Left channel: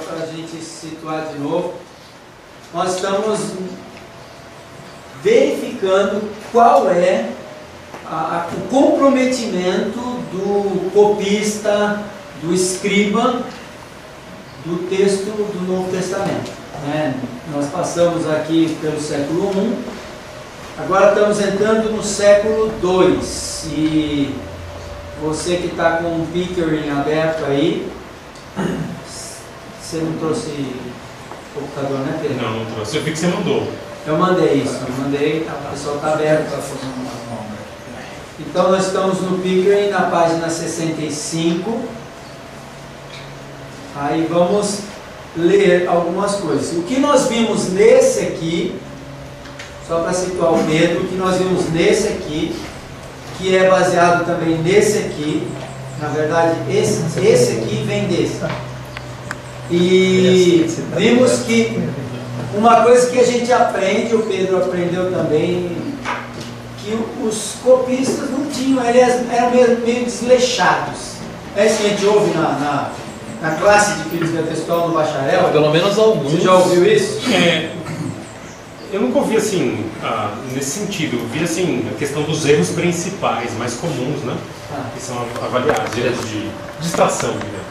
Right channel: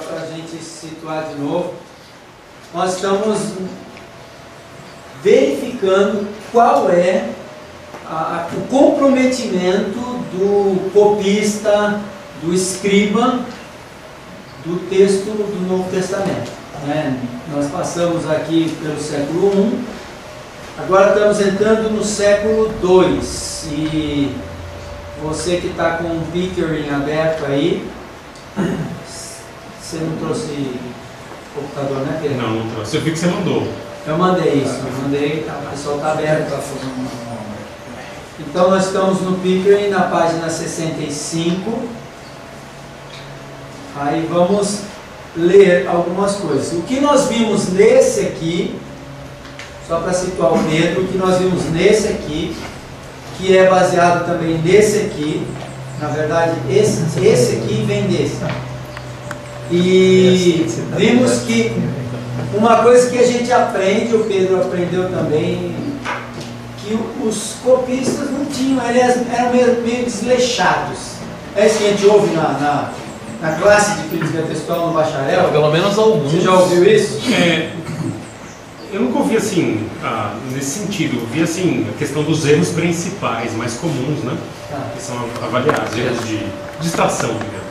para a gente se situar de novo, nós estamos verificando qual é o comprometimento do copista, do escriba, do texto do Novo Testamento. Nós passamos aqui pelo século I, agora estamos entrando no século II, e você que está com o Pickering aberto aí, você não trouxe computador, né, Pedro? Não, não trouxe. Eu vi que você mandou. Eu mandei isso, o pessoal está aberto. Então nós estamos no Pickering, na página 65. Aí vamos ler algumas coisas. O que nós vimos nesse aqui, só para situar o Pedro, o que nós vimos nesse aqui, que é baseado também nesse aqui, na verdade esse aqui vem desse. E vimos que uma coisa que a gente aprende, o Pedro aprendeu também, que os copistas não tinham, eles eram meio desleixados. É isso que a gente ouve na classe de crítica textual no bacharel. Pelo menos alguns. Você já ouviu isso? Eu nunca ouvi assim, nesse sentido. Eu vi assim, a questão dos erros principais, mais comuns, né? Que são avaliados, erros de distração, digamos,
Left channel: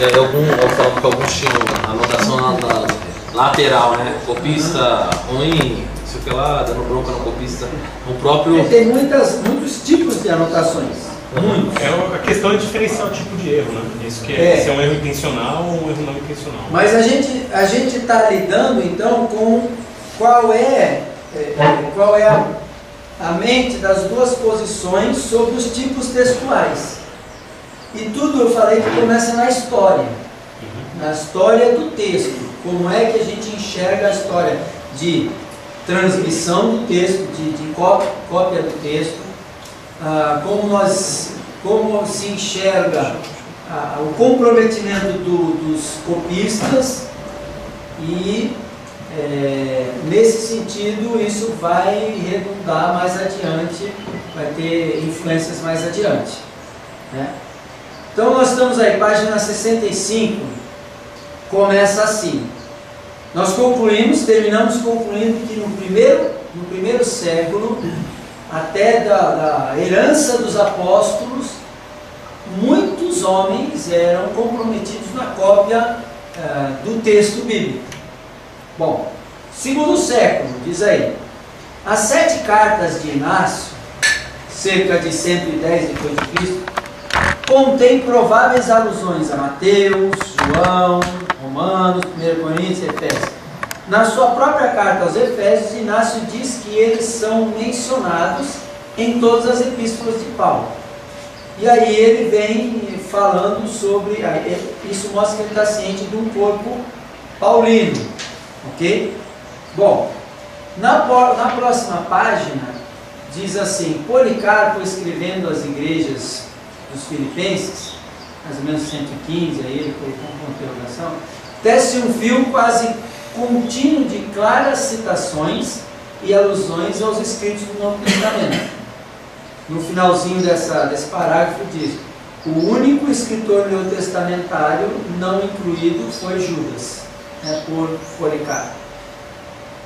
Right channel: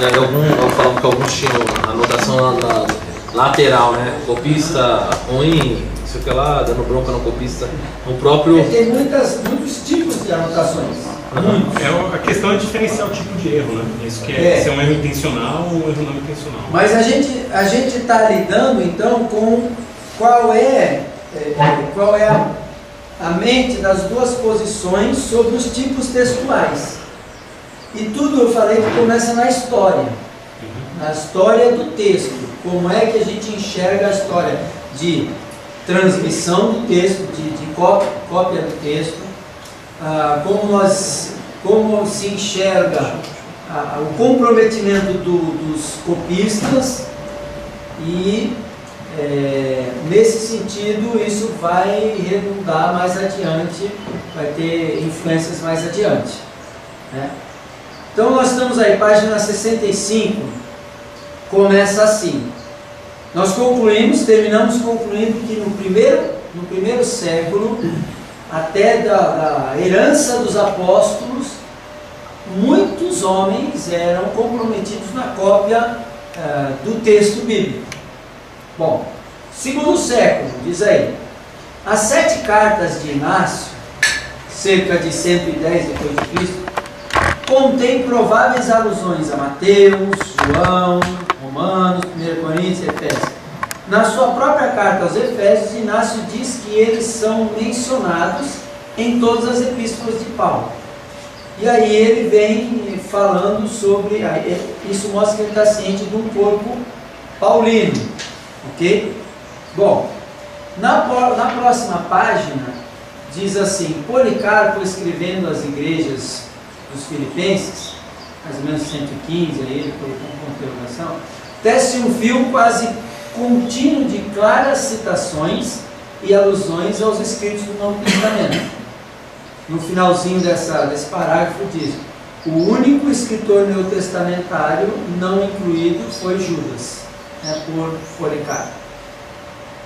né? Eu falava que alguns tinham anotação na lateral, né? Copista ruim, não sei o que lá, dando bronca no copista. O próprio... Tem muitos tipos de anotações. A questão é diferenciar o tipo de erro, né? Isso que se é um erro intencional ou um erro não intencional. Mas a gente está lidando então com qual é a mente das duas posições sobre os tipos textuais. E tudo eu falei que começa na história. Na história do texto. Como é que a gente enxerga a história de transmissão do texto, de cópia do texto. Como se enxerga o comprometimento dos copistas e nesse sentido isso vai redundar mais adiante, vai ter influências mais adiante, né? Então nós estamos aí, página 65, começa assim. Nós terminamos concluindo que no primeiro século, até da herança dos apóstolos, muitos homens eram comprometidos na cópia do texto bíblico. Bom, segundo século, diz aí, as 7 cartas de Inácio, cerca de 110 depois de Cristo, contém prováveis alusões a Mateus, João, Romanos, 1 Coríntios e Efésios. Na sua própria carta aos Efésios, Inácio diz que eles são mencionados em todas as epístolas de Paulo. E aí ele vem falando sobre, isso mostra que ele está ciente de um corpo paulino, ok? Bom, na próxima página, diz assim, Policarpo escrevendo às igrejas dos Filipenses, mais ou menos 115, aí ele colocou uma interrogação, tece um fio quase contínuo de claras citações e alusões aos escritos do Novo Testamento. No finalzinho desse parágrafo diz, o único escritor neotestamentário não incluído foi Judas, por Policarpo.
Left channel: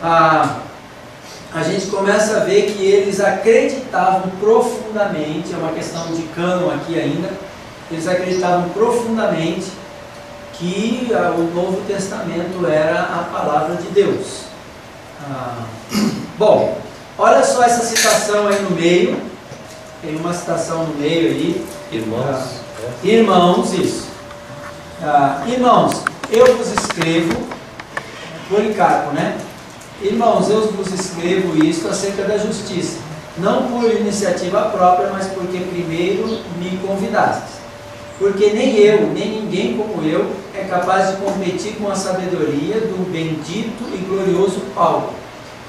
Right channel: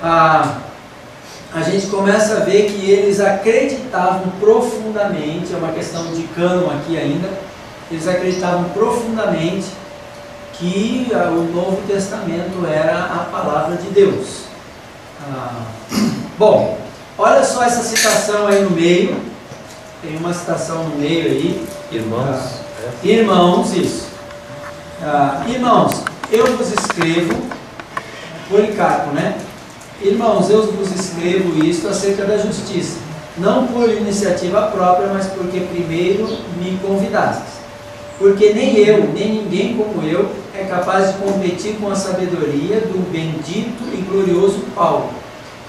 A gente começa a ver que eles acreditavam profundamente, é uma questão de cânon aqui ainda, eles acreditavam profundamente que o Novo Testamento era a palavra de Deus. Bom, olha só essa citação aí no meio, tem uma citação no meio aí. Irmãos. Irmãos, isso. Irmãos, eu vos escrevo, Policarpo, né? Irmãos, eu vos escrevo isto acerca da justiça, não por iniciativa própria, mas porque primeiro me convidastes. Porque nem eu, nem ninguém como eu, é capaz de competir com a sabedoria do bendito e glorioso Paulo,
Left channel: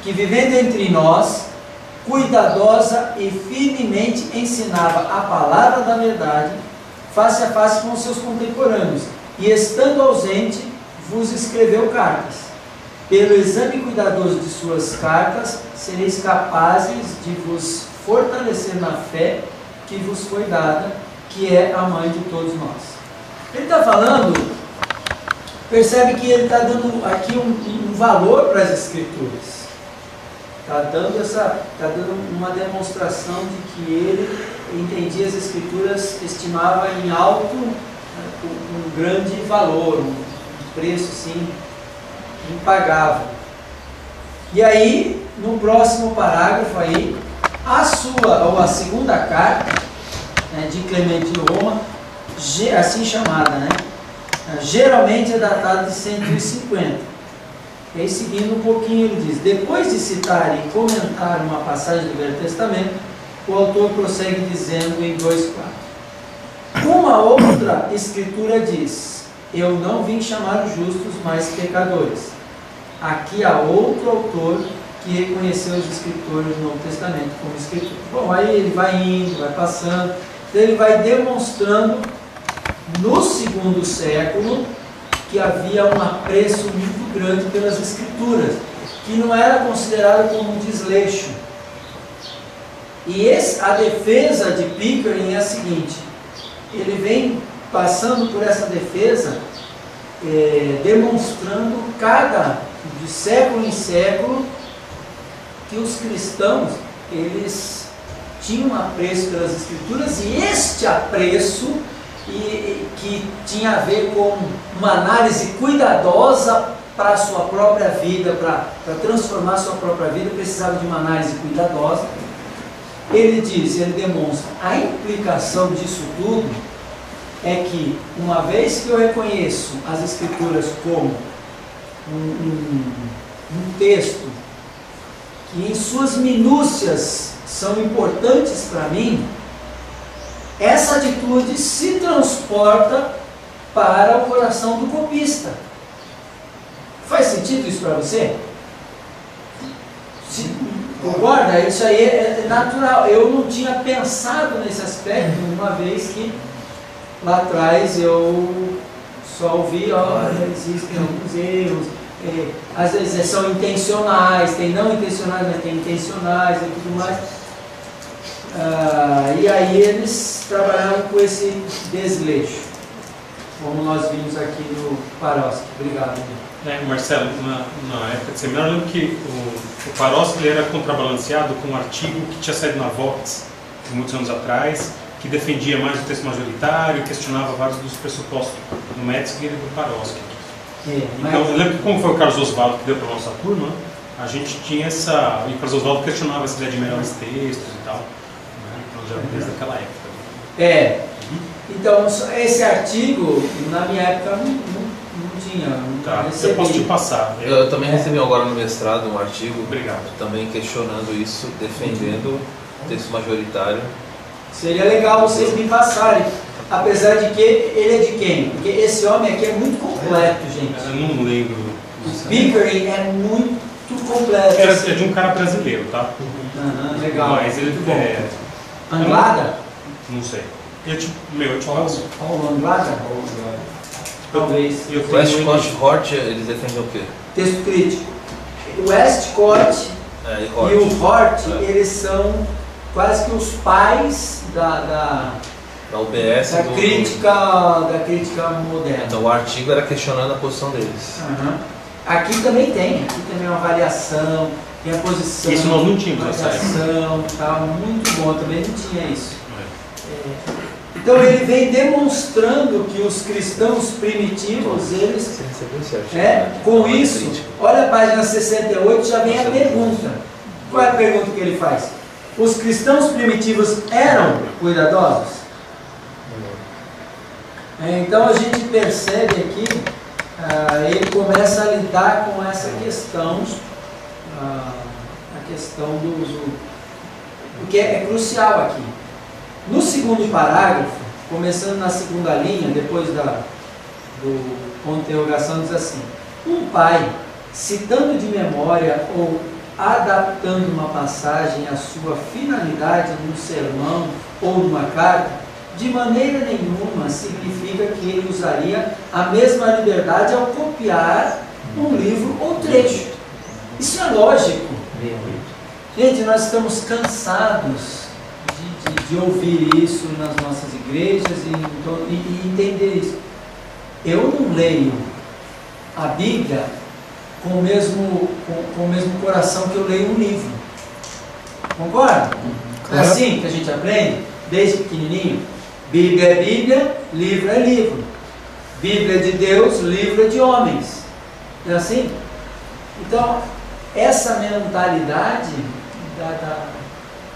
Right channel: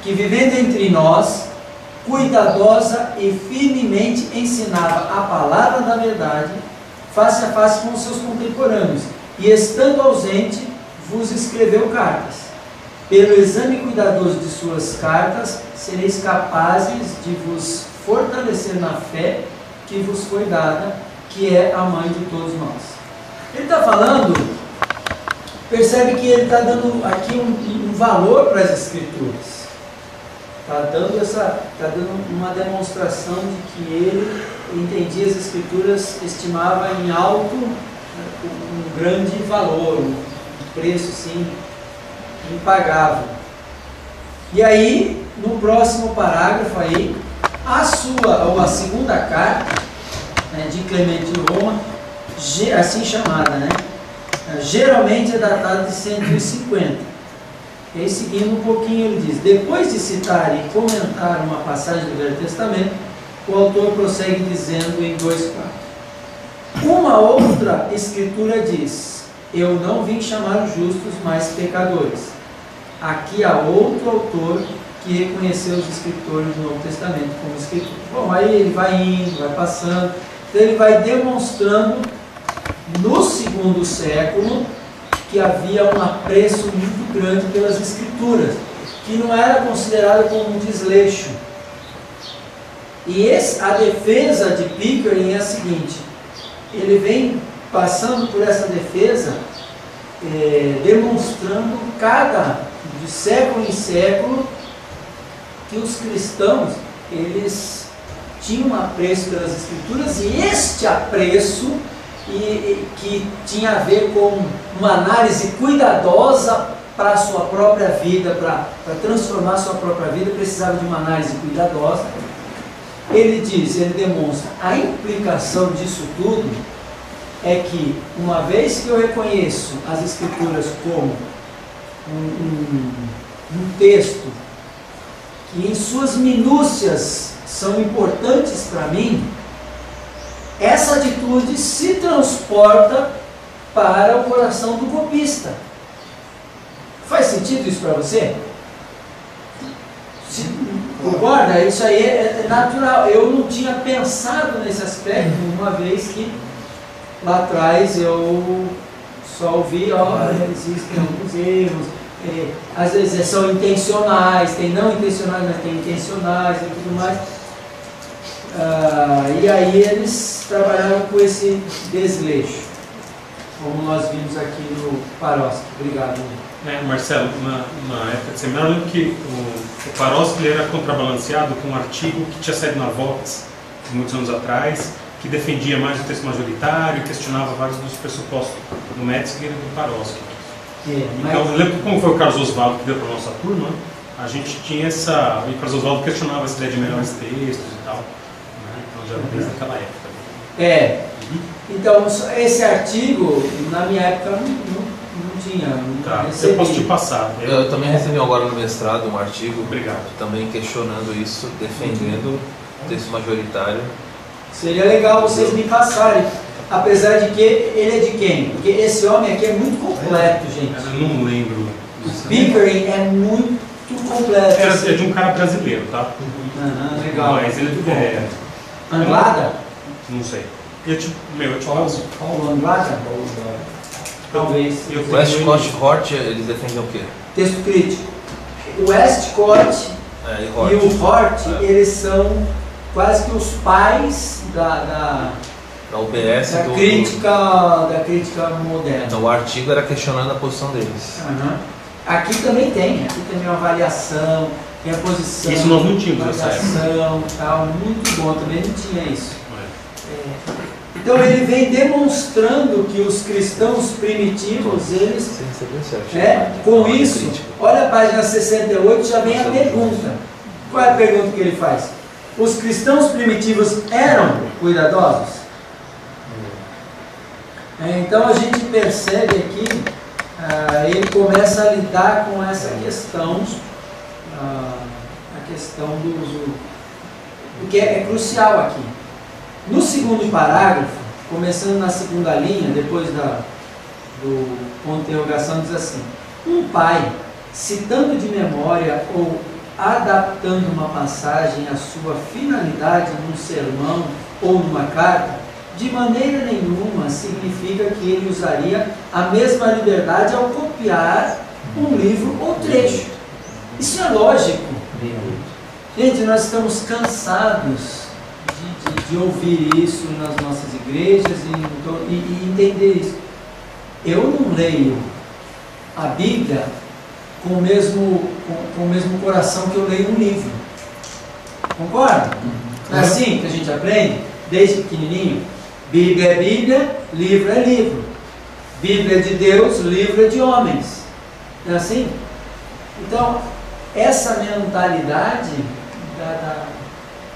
que vivendo entre nós, cuidadosa e firmemente ensinava a palavra da verdade, face a face com os seus contemporâneos, e estando ausente, vos escreveu cartas. Pelo exame cuidadoso de suas cartas, sereis capazes de vos fortalecer na fé que vos foi dada, que é a mãe de todos nós. Ele está falando percebe que ele está dando aqui um valor para as Escrituras. Está dando uma demonstração de que ele entendia as Escrituras, estimava em alto um grande valor, um preço sim impagável. E aí, no próximo parágrafo aí, a segunda carta, né, de Clemente de Roma, assim chamada, né? Geralmente é datada de 150. E aí, seguindo um pouquinho, ele diz: depois de citar e comentar uma passagem do Velho Testamento, o autor prossegue dizendo em 2:4: uma outra escritura diz: eu não vim chamar os justos, mas pecadores. Aqui há outro autor que reconheceu os escritores do Novo Testamento como escritores. Bom, aí ele vai indo, vai passando, então ele vai demonstrando no segundo século que havia um apreço muito grande pelas Escrituras, que não era considerado como um desleixo. E a defesa de Pickering é a seguinte: ele vem passando por essa defesa, demonstrando de século em século, que os cristãos, eles tinham um apreço pelas Escrituras, e este apreço que tinha a ver com uma análise cuidadosa para a sua própria vida, para transformar a sua própria vida, precisava de uma análise cuidadosa. Ele demonstra a implicação disso tudo é que, uma vez que eu reconheço as Escrituras como um texto que em suas minúcias são importantes para mim, essa atitude se transporta para o coração do copista. Faz sentido isso para você? Concorda? Isso aí é natural. Eu não tinha pensado nesse aspecto, uma vez que lá atrás eu só ouvi: existem alguns erros, às vezes são intencionais, tem não intencionais, mas tem intencionais e tudo mais. E aí eles trabalharam com esse desleixo, como nós vimos aqui no Paroski. Obrigado. Marcelo, na época de seminário, eu lembro que o Paroski era contrabalanceado com um artigo que tinha saído na Vox muitos anos atrás, que defendia mais o texto majoritário, questionava vários dos pressupostos do Metzger e do Paroski. Então, eu lembro que, como foi o Carlos Oswaldo que deu para a nossa turma, a gente tinha e o Carlos Oswaldo questionava essa ideia de melhores textos e tal. Então, já desde aquela época. Então, esse artigo, na minha época, não tinha. Eu posso te passar. Eu também recebi agora no mestrado um artigo. Obrigado. Também questionando isso, defendendo o texto majoritário. Seria legal vocês me passarem. Apesar de que ele é de quem? Porque esse homem aqui é muito completo, gente. Eu não lembro. O Pickering é muito completo. É de um cara brasileiro, tá? Legal. Mas ele muito bom. Anglada? Não sei. Eu te passo. Paulo Anglada? Talvez. Westcott e Hort, eles defendem o quê? Texto crítico. O Westcott e o Hort, eles são quase que os pais da UBS, da crítica moderna. Então o artigo era questionando a posição deles. Aqui também tem uma avaliação, tem a posição. Isso nós não tínhamos essa avaliação, tal, muito bom, também não tinha isso. Então ele vem demonstrando que os cristãos primitivos, eles... com isso, olha a página 68, já vem a pergunta. Qual é a pergunta que ele faz? Os cristãos primitivos eram cuidadosos? Então a gente percebe aqui, ele começa a lidar com essa questão, a questão do que é crucial aqui. No segundo parágrafo, começando na segunda linha, depois do ponto de interrogação, diz assim: um pai, citando de memória ou adaptando uma passagem à sua finalidade num sermão ou numa carta, de maneira nenhuma significa que ele usaria a mesma liberdade ao copiar um livro ou trecho. Isso é lógico. Gente, nós estamos cansados de ouvir isso nas nossas igrejas e entender isso. Eu não leio a Bíblia com o mesmo coração que eu leio um livro. Concorda? É assim que a gente aprende, desde pequenininho. Bíblia é Bíblia, livro é livro. Bíblia é de Deus, livro é de homens. Não é assim? Então, essa mentalidade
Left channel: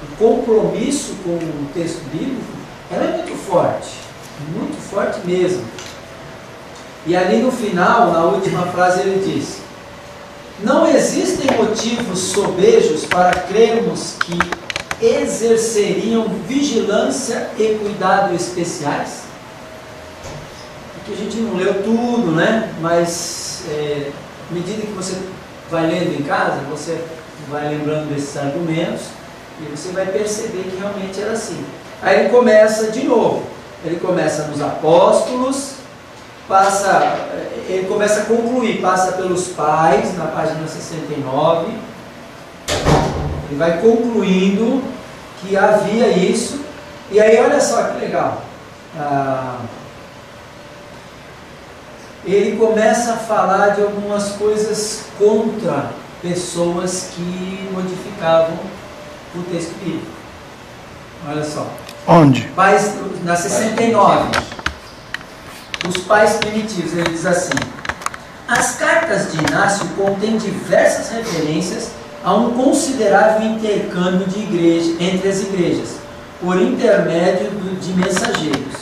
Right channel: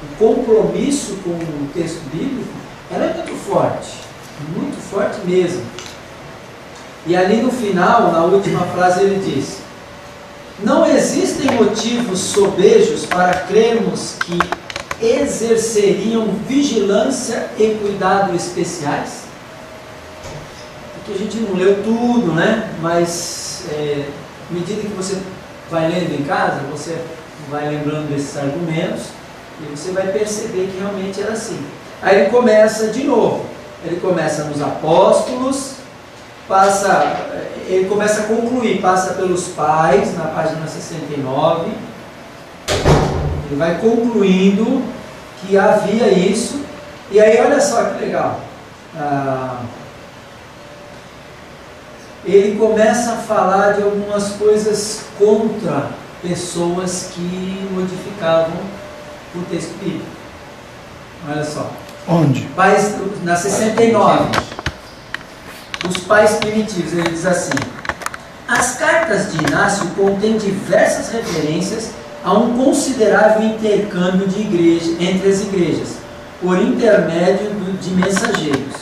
do compromisso com o texto bíblico, ela é muito forte mesmo. E ali no final, na última frase, ele diz: não existem motivos sobejos para crermos que exerceriam vigilância e cuidado especiais. Porque a gente não leu tudo, né? Mas à medida que você vai lendo em casa, você vai lembrando desses argumentos e você vai perceber que realmente era assim. Aí ele começa de novo. Ele começa nos apóstolos, ele começa a concluir, passa pelos pais, na página 69, ele vai concluindo que havia isso, e aí olha só que legal, ele começa a falar de algumas coisas contra pessoas que modificavam o texto bíblico. Olha só. Onde? Pais, na 69. Os pais primitivos, ele diz assim: as cartas de Inácio contêm diversas referências a um considerável intercâmbio de igreja, entre as igrejas, por intermédio de mensageiros,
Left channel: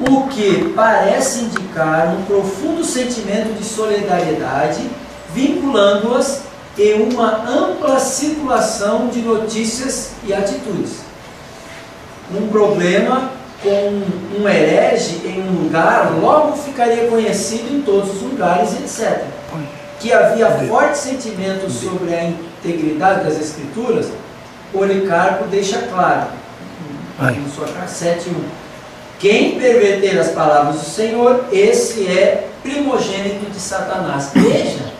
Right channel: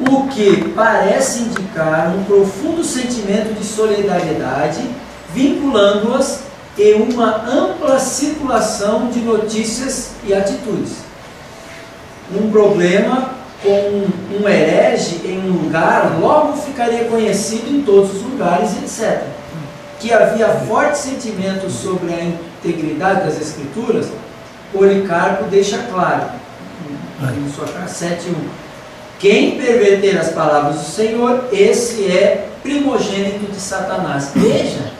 o que parece indicar um profundo sentimento de solidariedade, vinculando-as em uma ampla circulação de notícias e atitudes. Um problema com um herege em um lugar logo ficaria conhecido em todos os lugares, etc. Que havia forte sentimento sobre a integridade das Escrituras, Policarpo deixa claro, em sua carta 7:1. Quem perverter as palavras do Senhor, esse é primogênito de Satanás. Veja,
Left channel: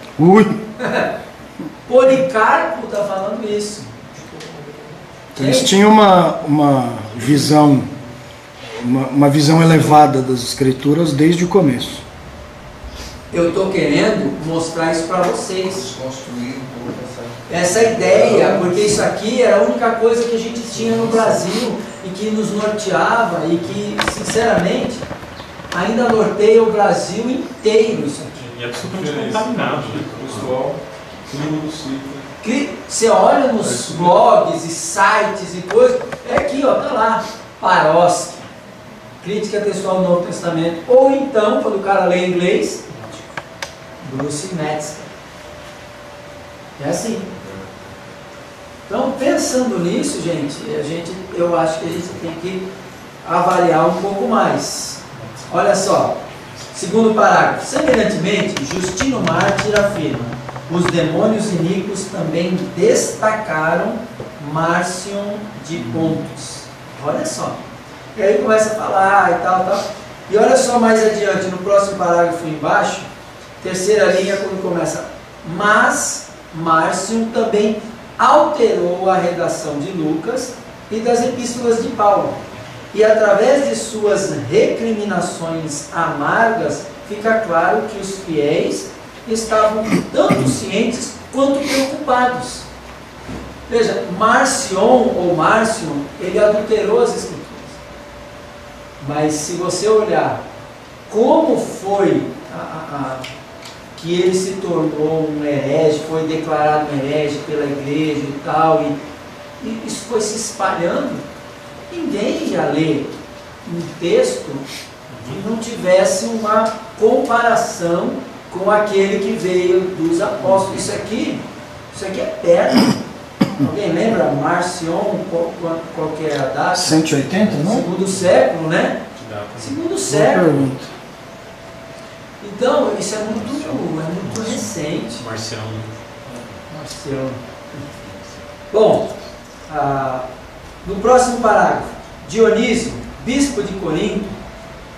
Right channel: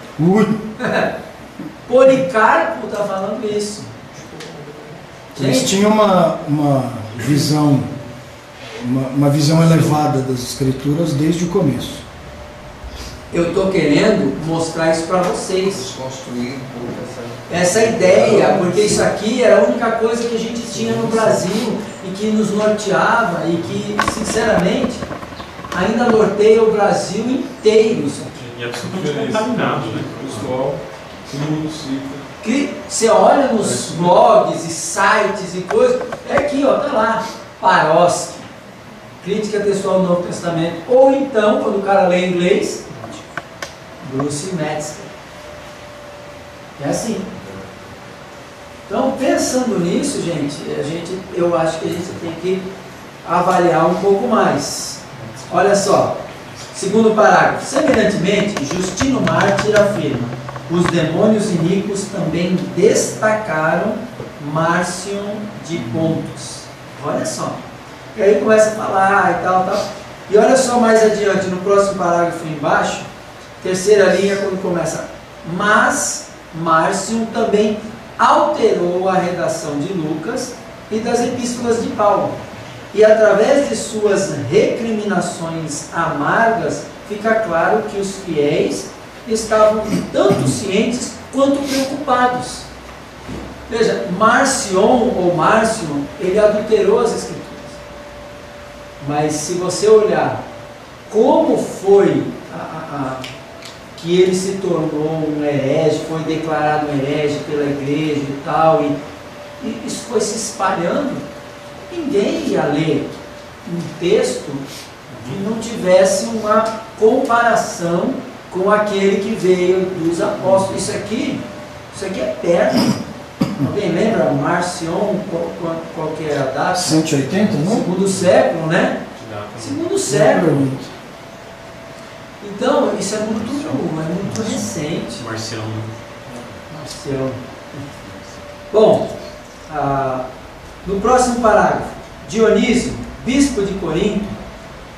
Policarpo está falando isso. Eles tinham uma visão elevada das Escrituras desde o começo. Eu estou querendo mostrar isso para vocês. Desconstruir um pouco essa ideia, porque isso aqui era a única coisa que a gente tinha no Brasil e que nos norteava e que, sinceramente, ainda norteia o Brasil inteiro isso aqui. E é absolutamente contaminado, né? Pessoal, todo mundo cita. Que você olha nos blogs e sites e coisas, é aqui, ó, tá lá, Paroski, Crítica Textual do Novo Testamento, ou então, quando o cara lê inglês, Bruce Metzger. É assim. Então, pensando nisso, gente, eu acho que a gente tem que avaliar um pouco mais. Olha só, segundo parágrafo. Semelhantemente, Justino Mártir afirma: os demônios iníquos também destacaram Márcion de Pontus. Olha só. E aí começa a falar e tal. E olha só mais adiante, no próximo parágrafo embaixo, terceira linha, quando começa: mas Márcion também alterou a redação de Lucas e das epístolas de Paulo. E através de suas recriminações amargas, fica claro que os fiéis estavam tanto cientes quanto preocupados. Veja, Márcio, ele adulterou as Escrituras. Mas se você olhar como foi que ele se tornou um herege, foi declarado um herege pela igreja e tal, e isso foi se espalhando, ninguém ia ler um texto que não tivesse uma comparação com aquele que veio dos apóstolos. Isso aqui é perto. Alguém lembra? Marcion, qual que é a data? 180, não? Segundo século, né? Segundo século. Então, isso é muito recente. Marcião. Bom, no próximo parágrafo, Dionísio, bispo de Corinto,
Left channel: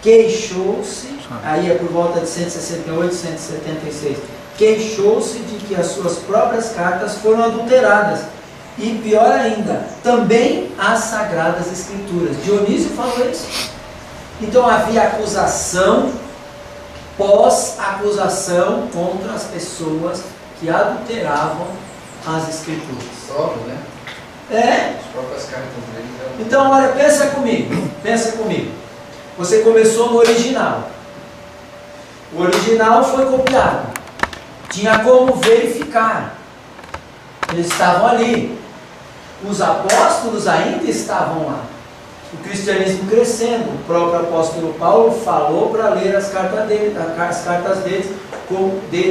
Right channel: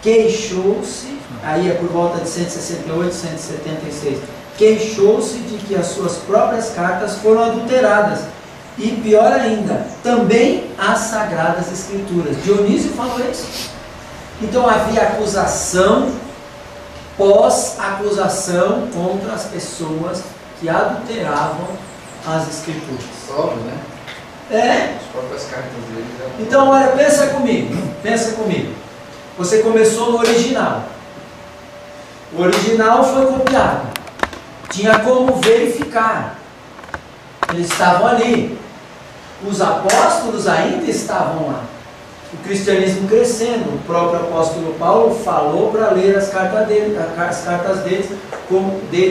queixou-se, aí é por volta de 168, 176, queixou-se de que as suas próprias cartas foram adulteradas. E pior ainda, também as Sagradas Escrituras. Dionísio falou isso. Então havia acusação pós-acusação contra as pessoas que adulteravam as Escrituras. Solo, né? É. As próprias cartas deles. Então, olha, pensa comigo. Você começou no original. O original foi copiado. Tinha como verificar. Eles estavam ali. Os apóstolos ainda estavam lá. O cristianismo crescendo. O próprio apóstolo Paulo falou para ler as cartas dele,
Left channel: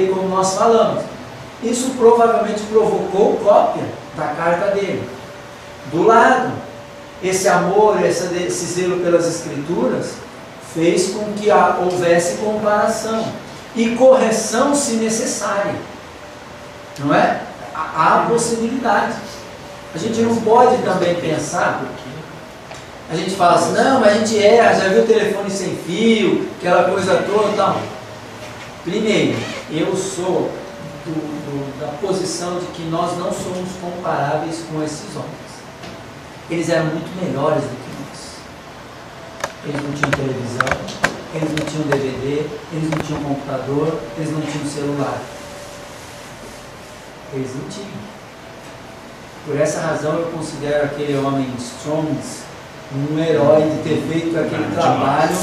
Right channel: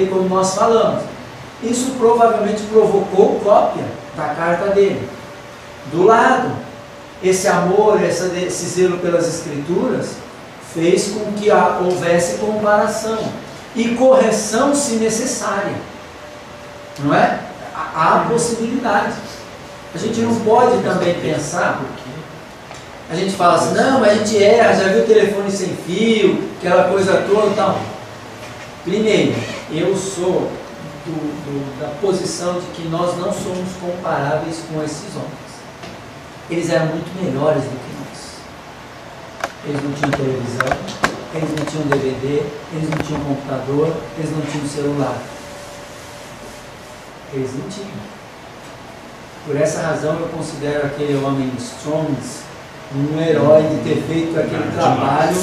como nós falamos. Isso provavelmente provocou cópia da carta dele. Do lado, esse amor, esse zelo pelas Escrituras fez com que houvesse comparação e correção se necessária. Não é? Há possibilidade. A gente não pode também pensar, a gente fala assim, não, mas a gente erra, já viu o telefone sem fio, aquela coisa toda e tal. Primeiro, eu sou da posição de que nós não somos comparáveis com esses homens. Eles eram muito melhores do que nós. Eles não tinham televisão, eles não tinham DVD, eles não tinham computador, eles não tinham celular. Eles não tinham. Por essa razão eu considero aquele homem Strongs um herói de ter feito aquele trabalho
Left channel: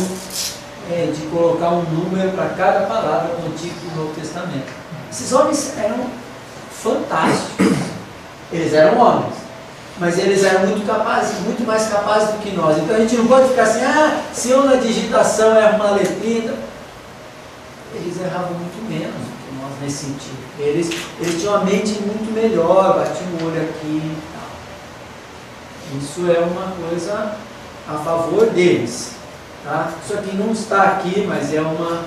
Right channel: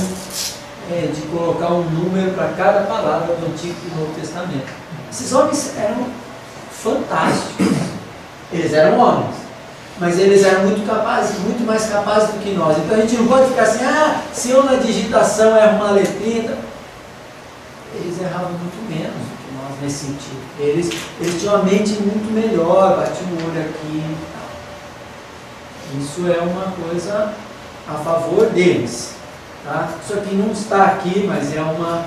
de colocar um número para cada palavra do Antigo e do Novo Testamento. Esses homens eram fantásticos. Eles eram homens, mas eles eram muito capazes, muito mais capazes do que nós. Então a gente não pode ficar assim, se eu na digitação erro uma letrinha. Eles erravam muito menos do que nós nesse sentido. Eles tinham uma mente muito melhor, batiam o olho aqui e tal. Isso é uma coisa a favor deles. Tá? Isso aqui não está aqui, mas é uma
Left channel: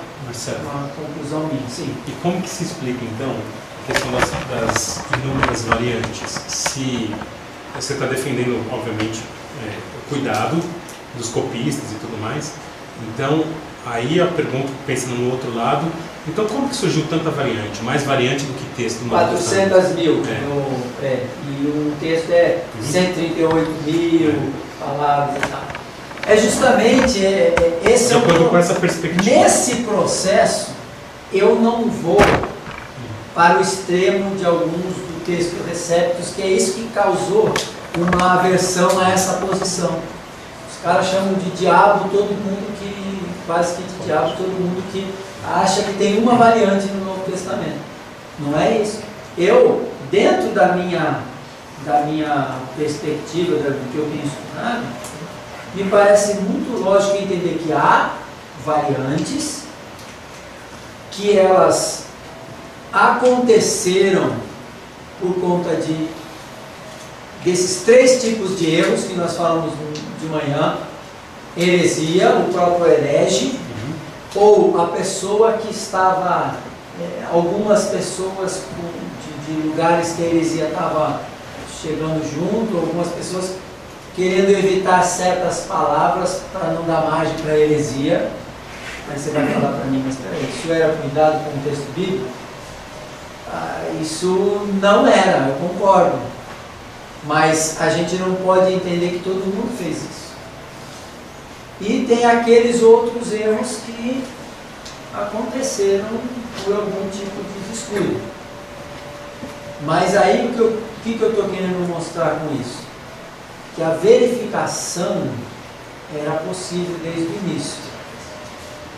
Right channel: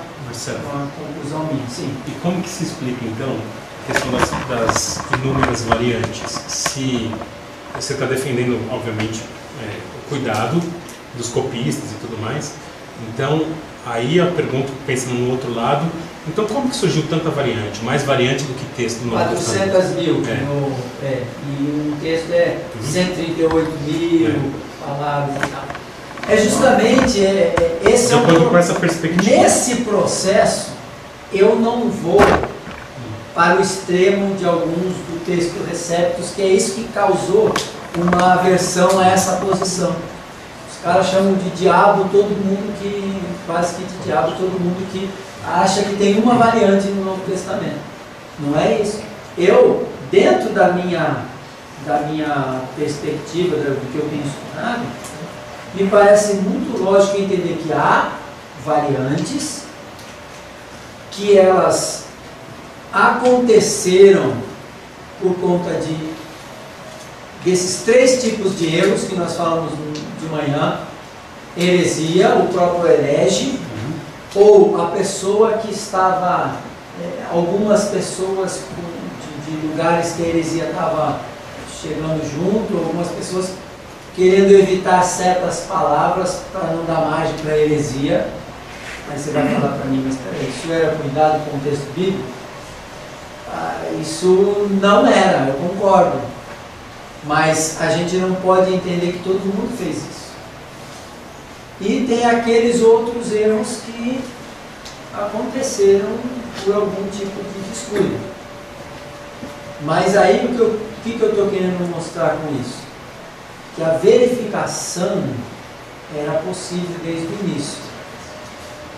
conclusão minha. Sim. E como que se explica, então, a questão das inúmeras variantes? Se você está defendendo, obviamente, o cuidado dos copistas e tudo mais, então, aí a pergunta, pensando no outro lado, então como que surgiu tanta variante? Mais variante do que texto no 400 mil. E um texto 138 mil palavras e tal. É justamente esse com essa perspectiva. Nesse processo, eu não vou para o extremo de alguns do texto receptos, que é isso que causou uma aversão a essa posição. Os caras chamam de diabo todo mundo que, quase que de diabo todo mundo que acha que tem uma variante no Novo Testamento. Não é isso. Eu, dentro da minha perspectiva, do que eu tenho estudado, me parece muito lógico entender que há variantes, que elas aconteceram por conta desses três tipos de erros que nós falamos de manhã: heresia, o próprio herege, ou a pessoa que estava, algumas pessoas de lugares que a heresia estava chegando junto, algumas pessoas querendo evitar certas palavras para não dar margem para a heresia. Aí você vai falar para mim, mas peraí, isso era cuidado com o texto bíblico? Isso não era, eu concordo. Mas a gente não pode entender que todo mundo fez isso. E tem aqueles outros erros que aconteceram por algum tipo de descuido. Mas aí o que eu estou querendo mostrar com isso? Que a verificação era possível desde o início.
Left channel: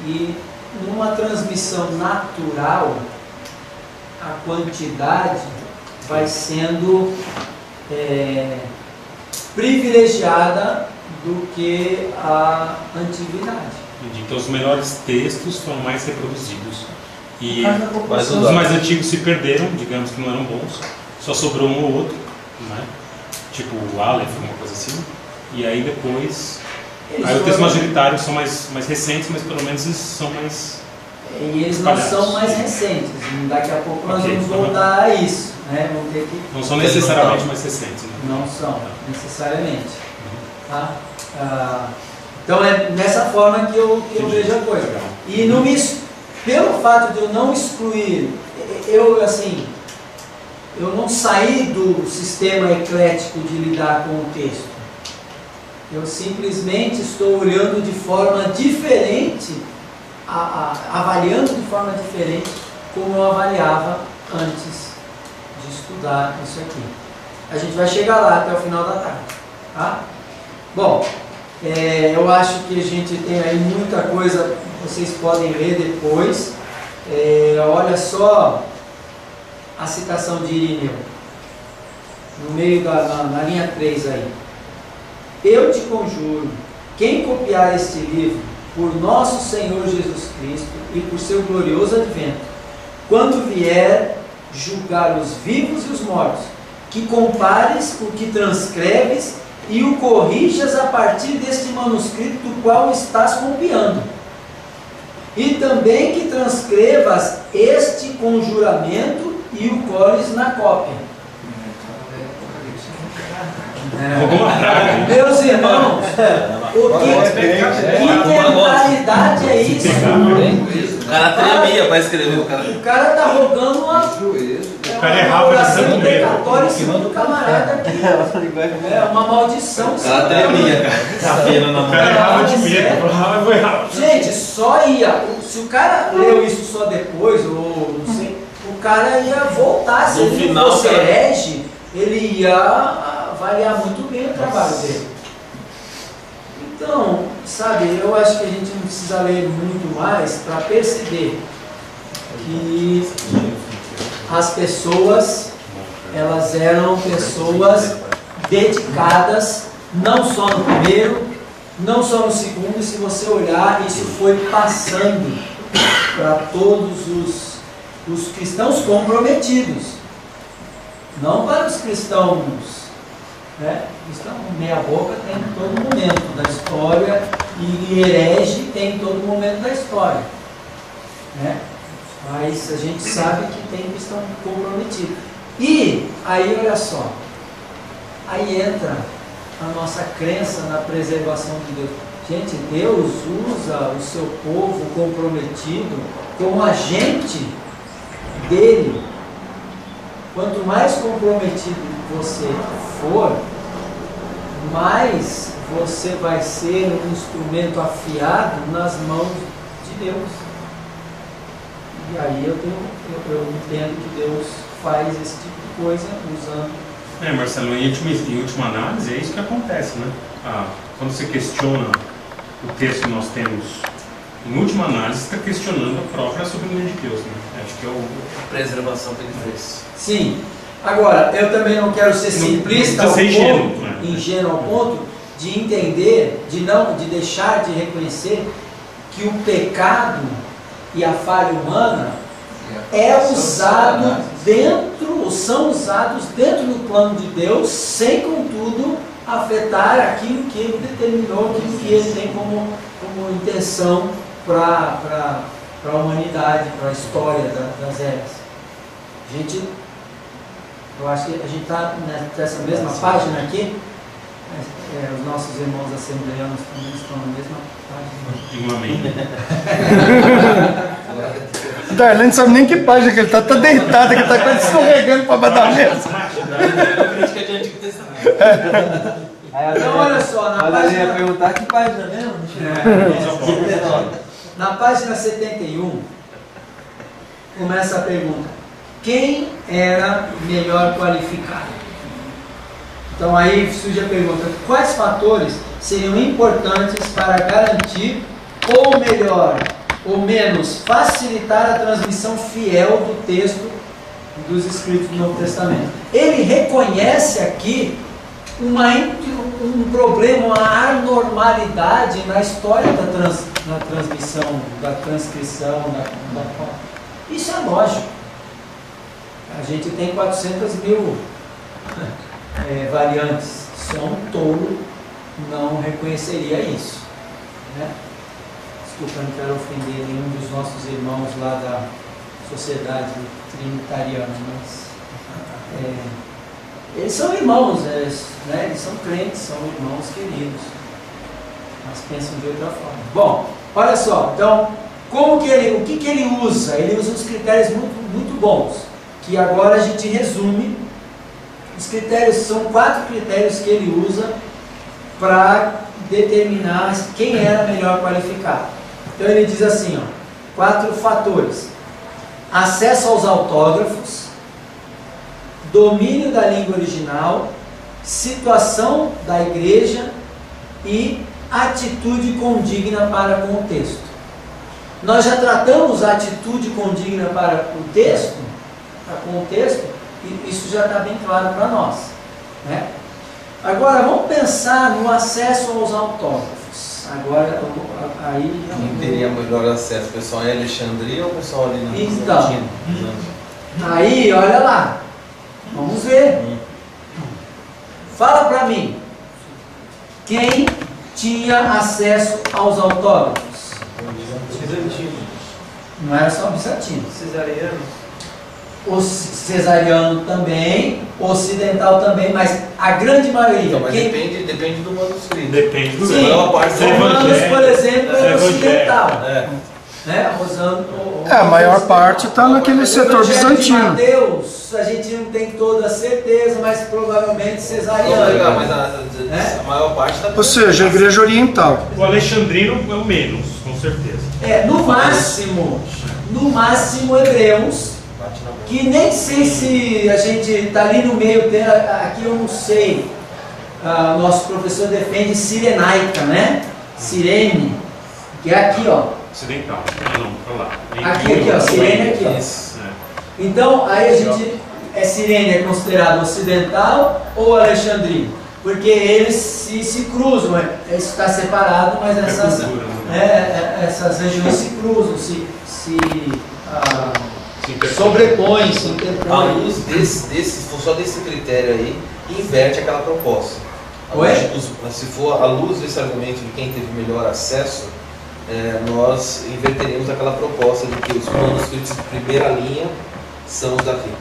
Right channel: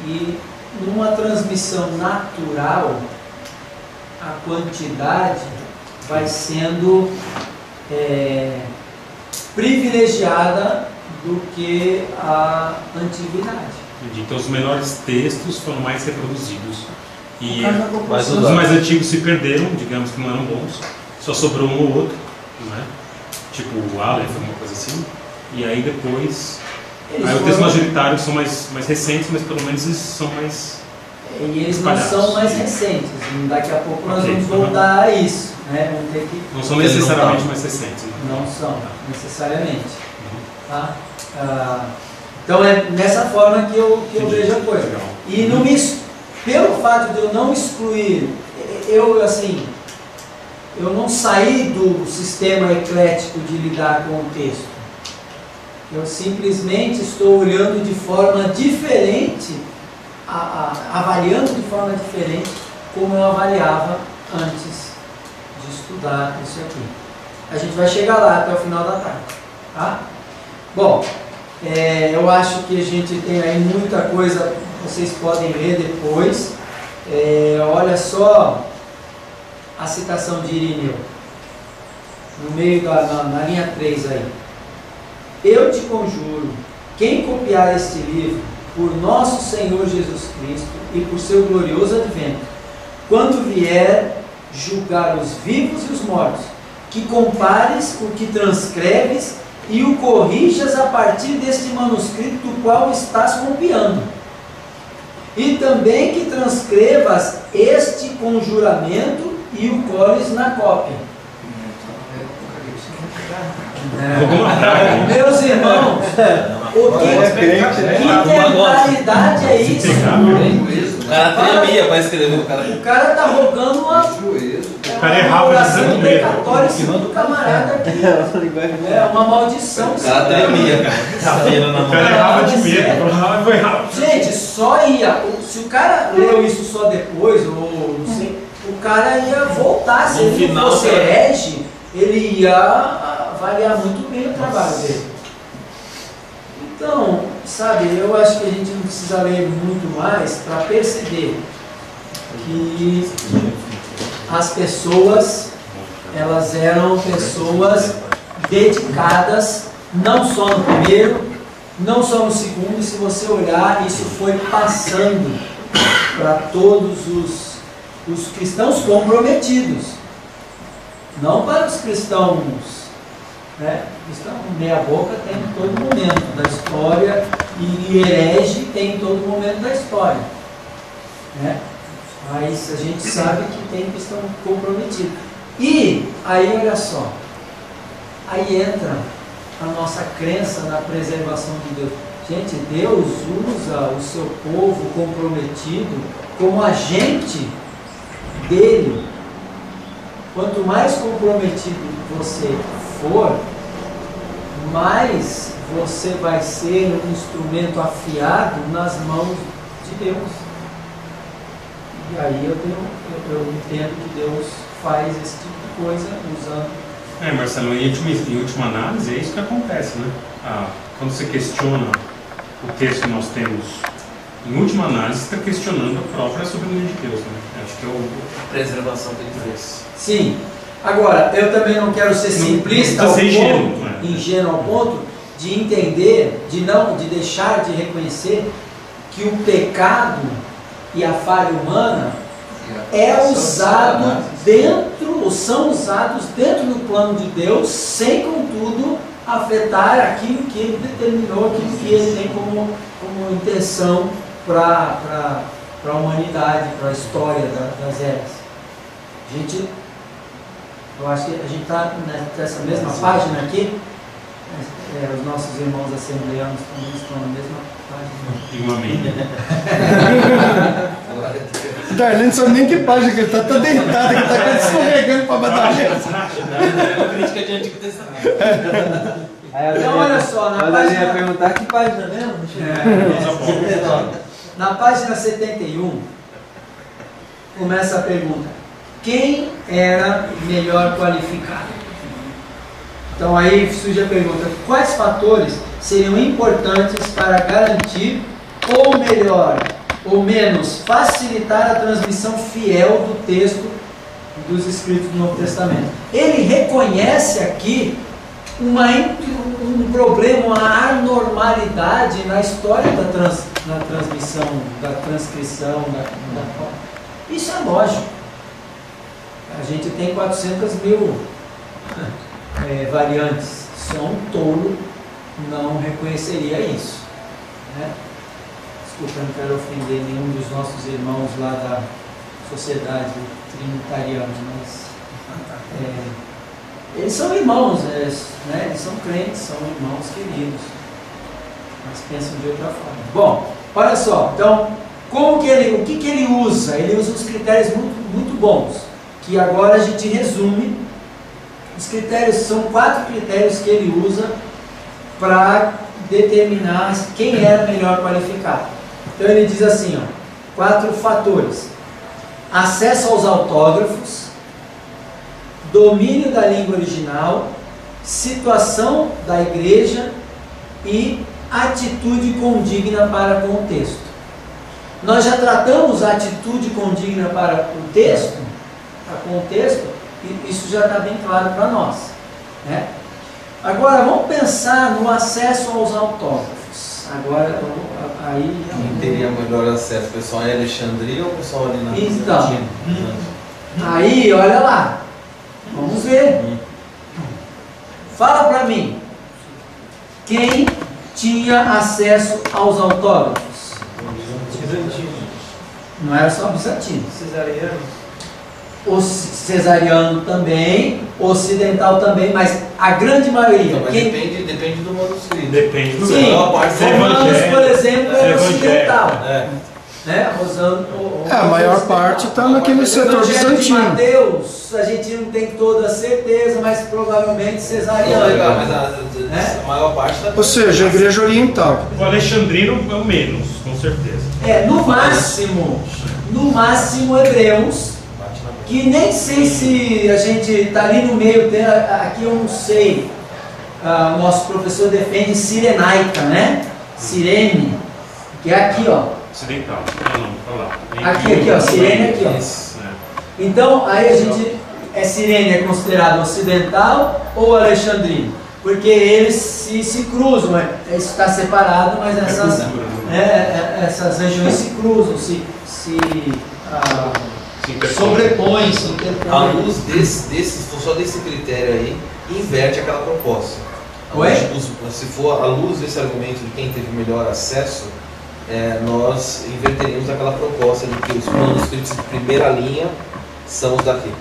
E numa transmissão natural, a quantidade vai sendo privilegiada do que a antiguidade. Então os melhores textos foram mais reproduzidos. E Mas os mais antigos se perderam, digamos que não eram bons, só sobrou um ou outro, né? Tipo o Aleph, uma coisa assim. E aí depois... Aí os textos majoritários são mais recentes, mas pelo menos eles são mais... E eles não são mais recentes. Daqui a pouco nós vamos voltar a isso, né? Vamos ter que... Não são necessariamente mais recentes, né? Não são, necessariamente. Tá? Então é nessa forma que eu vejo a coisa. E não pelo fato de eu não excluir, eu não saí do sistema eclético de lidar com o texto. Eu simplesmente estou olhando de forma diferente avaliando de forma diferente como eu avaliava antes de estudar isso aqui. A gente vai chegar lá até o final da tarde, tá? Bom, eu acho que a gente tem aí muita coisa, vocês podem ler depois. Olha só a citação de Irineu, no meio na linha 3 aí. Eu te conjuro, quem copiar este livro, por nosso Senhor Jesus Cristo e por seu glorioso advento, quando vier julgar os vivos e os mortos, que compares o que transcreves e o corrijas a partir deste manuscrito do qual estás copiando. E também que transcrevas este conjuramento e o cores na cópia. Meus irmãos, que mentalidade é isso? O cara tremia para escrever. O cara está rogando uma oração imprecatória em cima do camarada aqui. É uma maldição. O cara tremia, cara. O cara errava de medo. Gente, só ia. Se o cara leu isso só depois, ou não sei, o cara ia voltar. Se ele não fosse herege, ele ia avaliar muito bem o trabalho dele. Então, sabe, eu acho que a gente não precisa ler muito mais para perceber que as pessoas, elas eram pessoas dedicadas, não só no primeiro, não só no segundo, e se você olhar, isso foi passando para todos os cristãos comprometidos, não para os cristãos, né? Cristão meia boca tem em todo momento da história, e herege tem em todo momento da história, né? Mas a gente sabe que tem cristão comprometido. E aí olha só, aí entra a nossa crença na preservação de Deus. Gente, Deus usa o seu povo comprometido como agente dele. Quanto mais comprometido você for, mais você vai ser um instrumento afiado nas mãos de Deus. E aí eu entendo que Deus faz esse tipo de coisa usando. Marcelo, em última análise, é isso que acontece, né? Quando você questiona o texto que nós temos, em última análise, você está questionando a própria soberania de Deus, né? Acho que a preservação tem preço. Sim. Agora, eu também não quero ser simplista ao ponto, ingênuo ao ponto de entender, de deixar de reconhecer que o pecado e a falha humana são usados dentro do plano de Deus, sem contudo afetar aquilo que ele determinou, aquilo que ele tem como intenção para a humanidade, para a história das eras. Eu acho que a gente está nessa mesma página aqui. Os nossos irmãos assembleanos também estão na mesma página. Darlene não sabe nem que página que ele está deitado, que ele está quase escorregando para baixo da mesa. Crítica de Antigo Testamento. Então, olha só, na página. ia perguntar que página mesmo? Na página 71, começa a pergunta: quem era melhor qualificado? Então aí surge a pergunta: quais fatores seriam importantes para garantir, ou melhor, ou menos, facilitar a transmissão fiel do texto dos escritos do Novo Testamento? Ele reconhece aqui um problema, uma anormalidade na história da transmissão, da transcrição, isso é lógico. A gente tem 400 mil variantes. Só um tolo não reconheceria isso, né? Desculpa, não quero ofender nenhum dos nossos irmãos lá da Sociedade Trinitariana, mas eles são irmãos, né? Eles são crentes, são irmãos queridos, mas pensam de outra forma. Bom, olha só, então, o que ele usa? Ele usa uns critérios muito, muito bons, que agora a gente resume. Os critérios são 4 critérios que ele usa para determinar quem era melhor qualificado. Então ele diz assim, 4 fatores: acesso aos autógrafos, domínio da língua original, situação da igreja e atitude condigna para com o texto. Nós já tratamos a atitude condigna para o texto, e isso já está bem claro para nós, né? Agora vamos pensar no acesso aos autógrafos. Agora aí quem teria melhor acesso? O pessoal em Alexandria ou o pessoal ali na então, aí olha lá, vamos ver. Fala para mim, quem tinha acesso aos autógrafos? Bizantino. Não era só bizantino. Cesariano. O cesariano também, ocidental também, mas a grande maioria. Então, mas depende do manuscrito. Depende do Sim, Romanos, por exemplo, é ocidental. Né? A maior parte está naquele setor bizantino. Mateus, a gente não tem toda a certeza, mas provavelmente cesariano. Mas a maior parte está. Ou seja, a igreja oriental. O alexandrino é o menos, com certeza. No máximo hebreus, que nem sei se a gente está ali no meio, aqui eu não sei. O nosso professor defende sirenaica, né? Sirene, que é aqui, ó. Ocidental. Não, para lá. Aqui, ó. Sirene aqui, ó. Então, aí a gente. Sirene é considerado ocidental ou alexandrino? Porque eles se cruzam, isso está separado, mas essas regiões se cruzam, se sobrepõem, se interpõem. A luz só desse critério aí, inverte aquela proposta. Se for a luz desse argumento de quem teve melhor acesso, nós inverteremos aquela proposta de que os manuscritos de primeira linha são os daqui.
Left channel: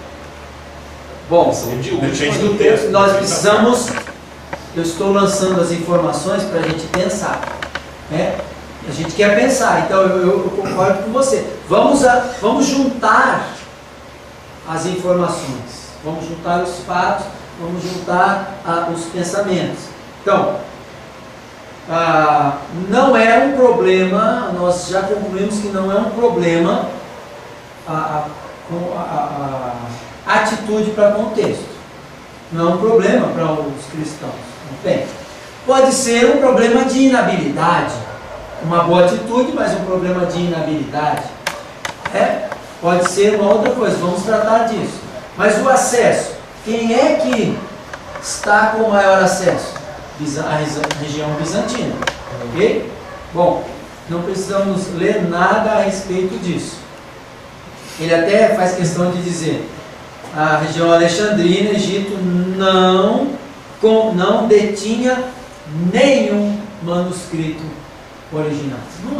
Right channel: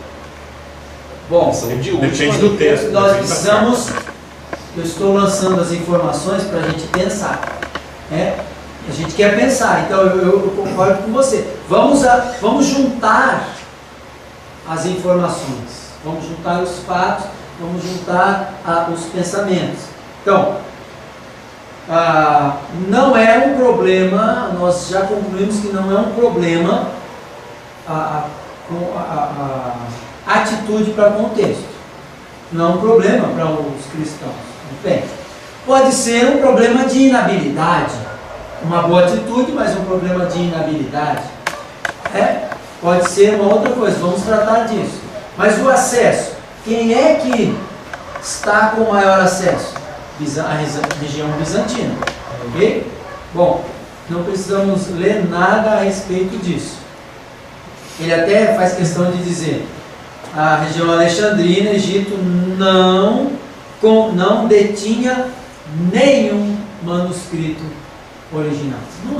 Bom, são de depende do texto. Nós precisamos. Eu estou lançando as informações para a gente pensar, né? A gente quer pensar, então eu concordo com você. Vamos juntar as informações, vamos juntar os fatos, vamos juntar os pensamentos. Então, não é um problema, nós já concluímos que não é um problema a atitude para contexto. Não é um problema para os cristãos. Bem, pode ser um problema de inabilidade. Uma boa atitude, mas um problema de inabilidade. Pode ser uma outra coisa, vamos tratar disso. Mas o acesso, quem é que está com o maior acesso? A região bizantina. Ok? Bom, não precisamos ler nada a respeito disso. Ele até faz questão de dizer: a região alexandrina, Egito, não detinha nenhum manuscrito original. Eles não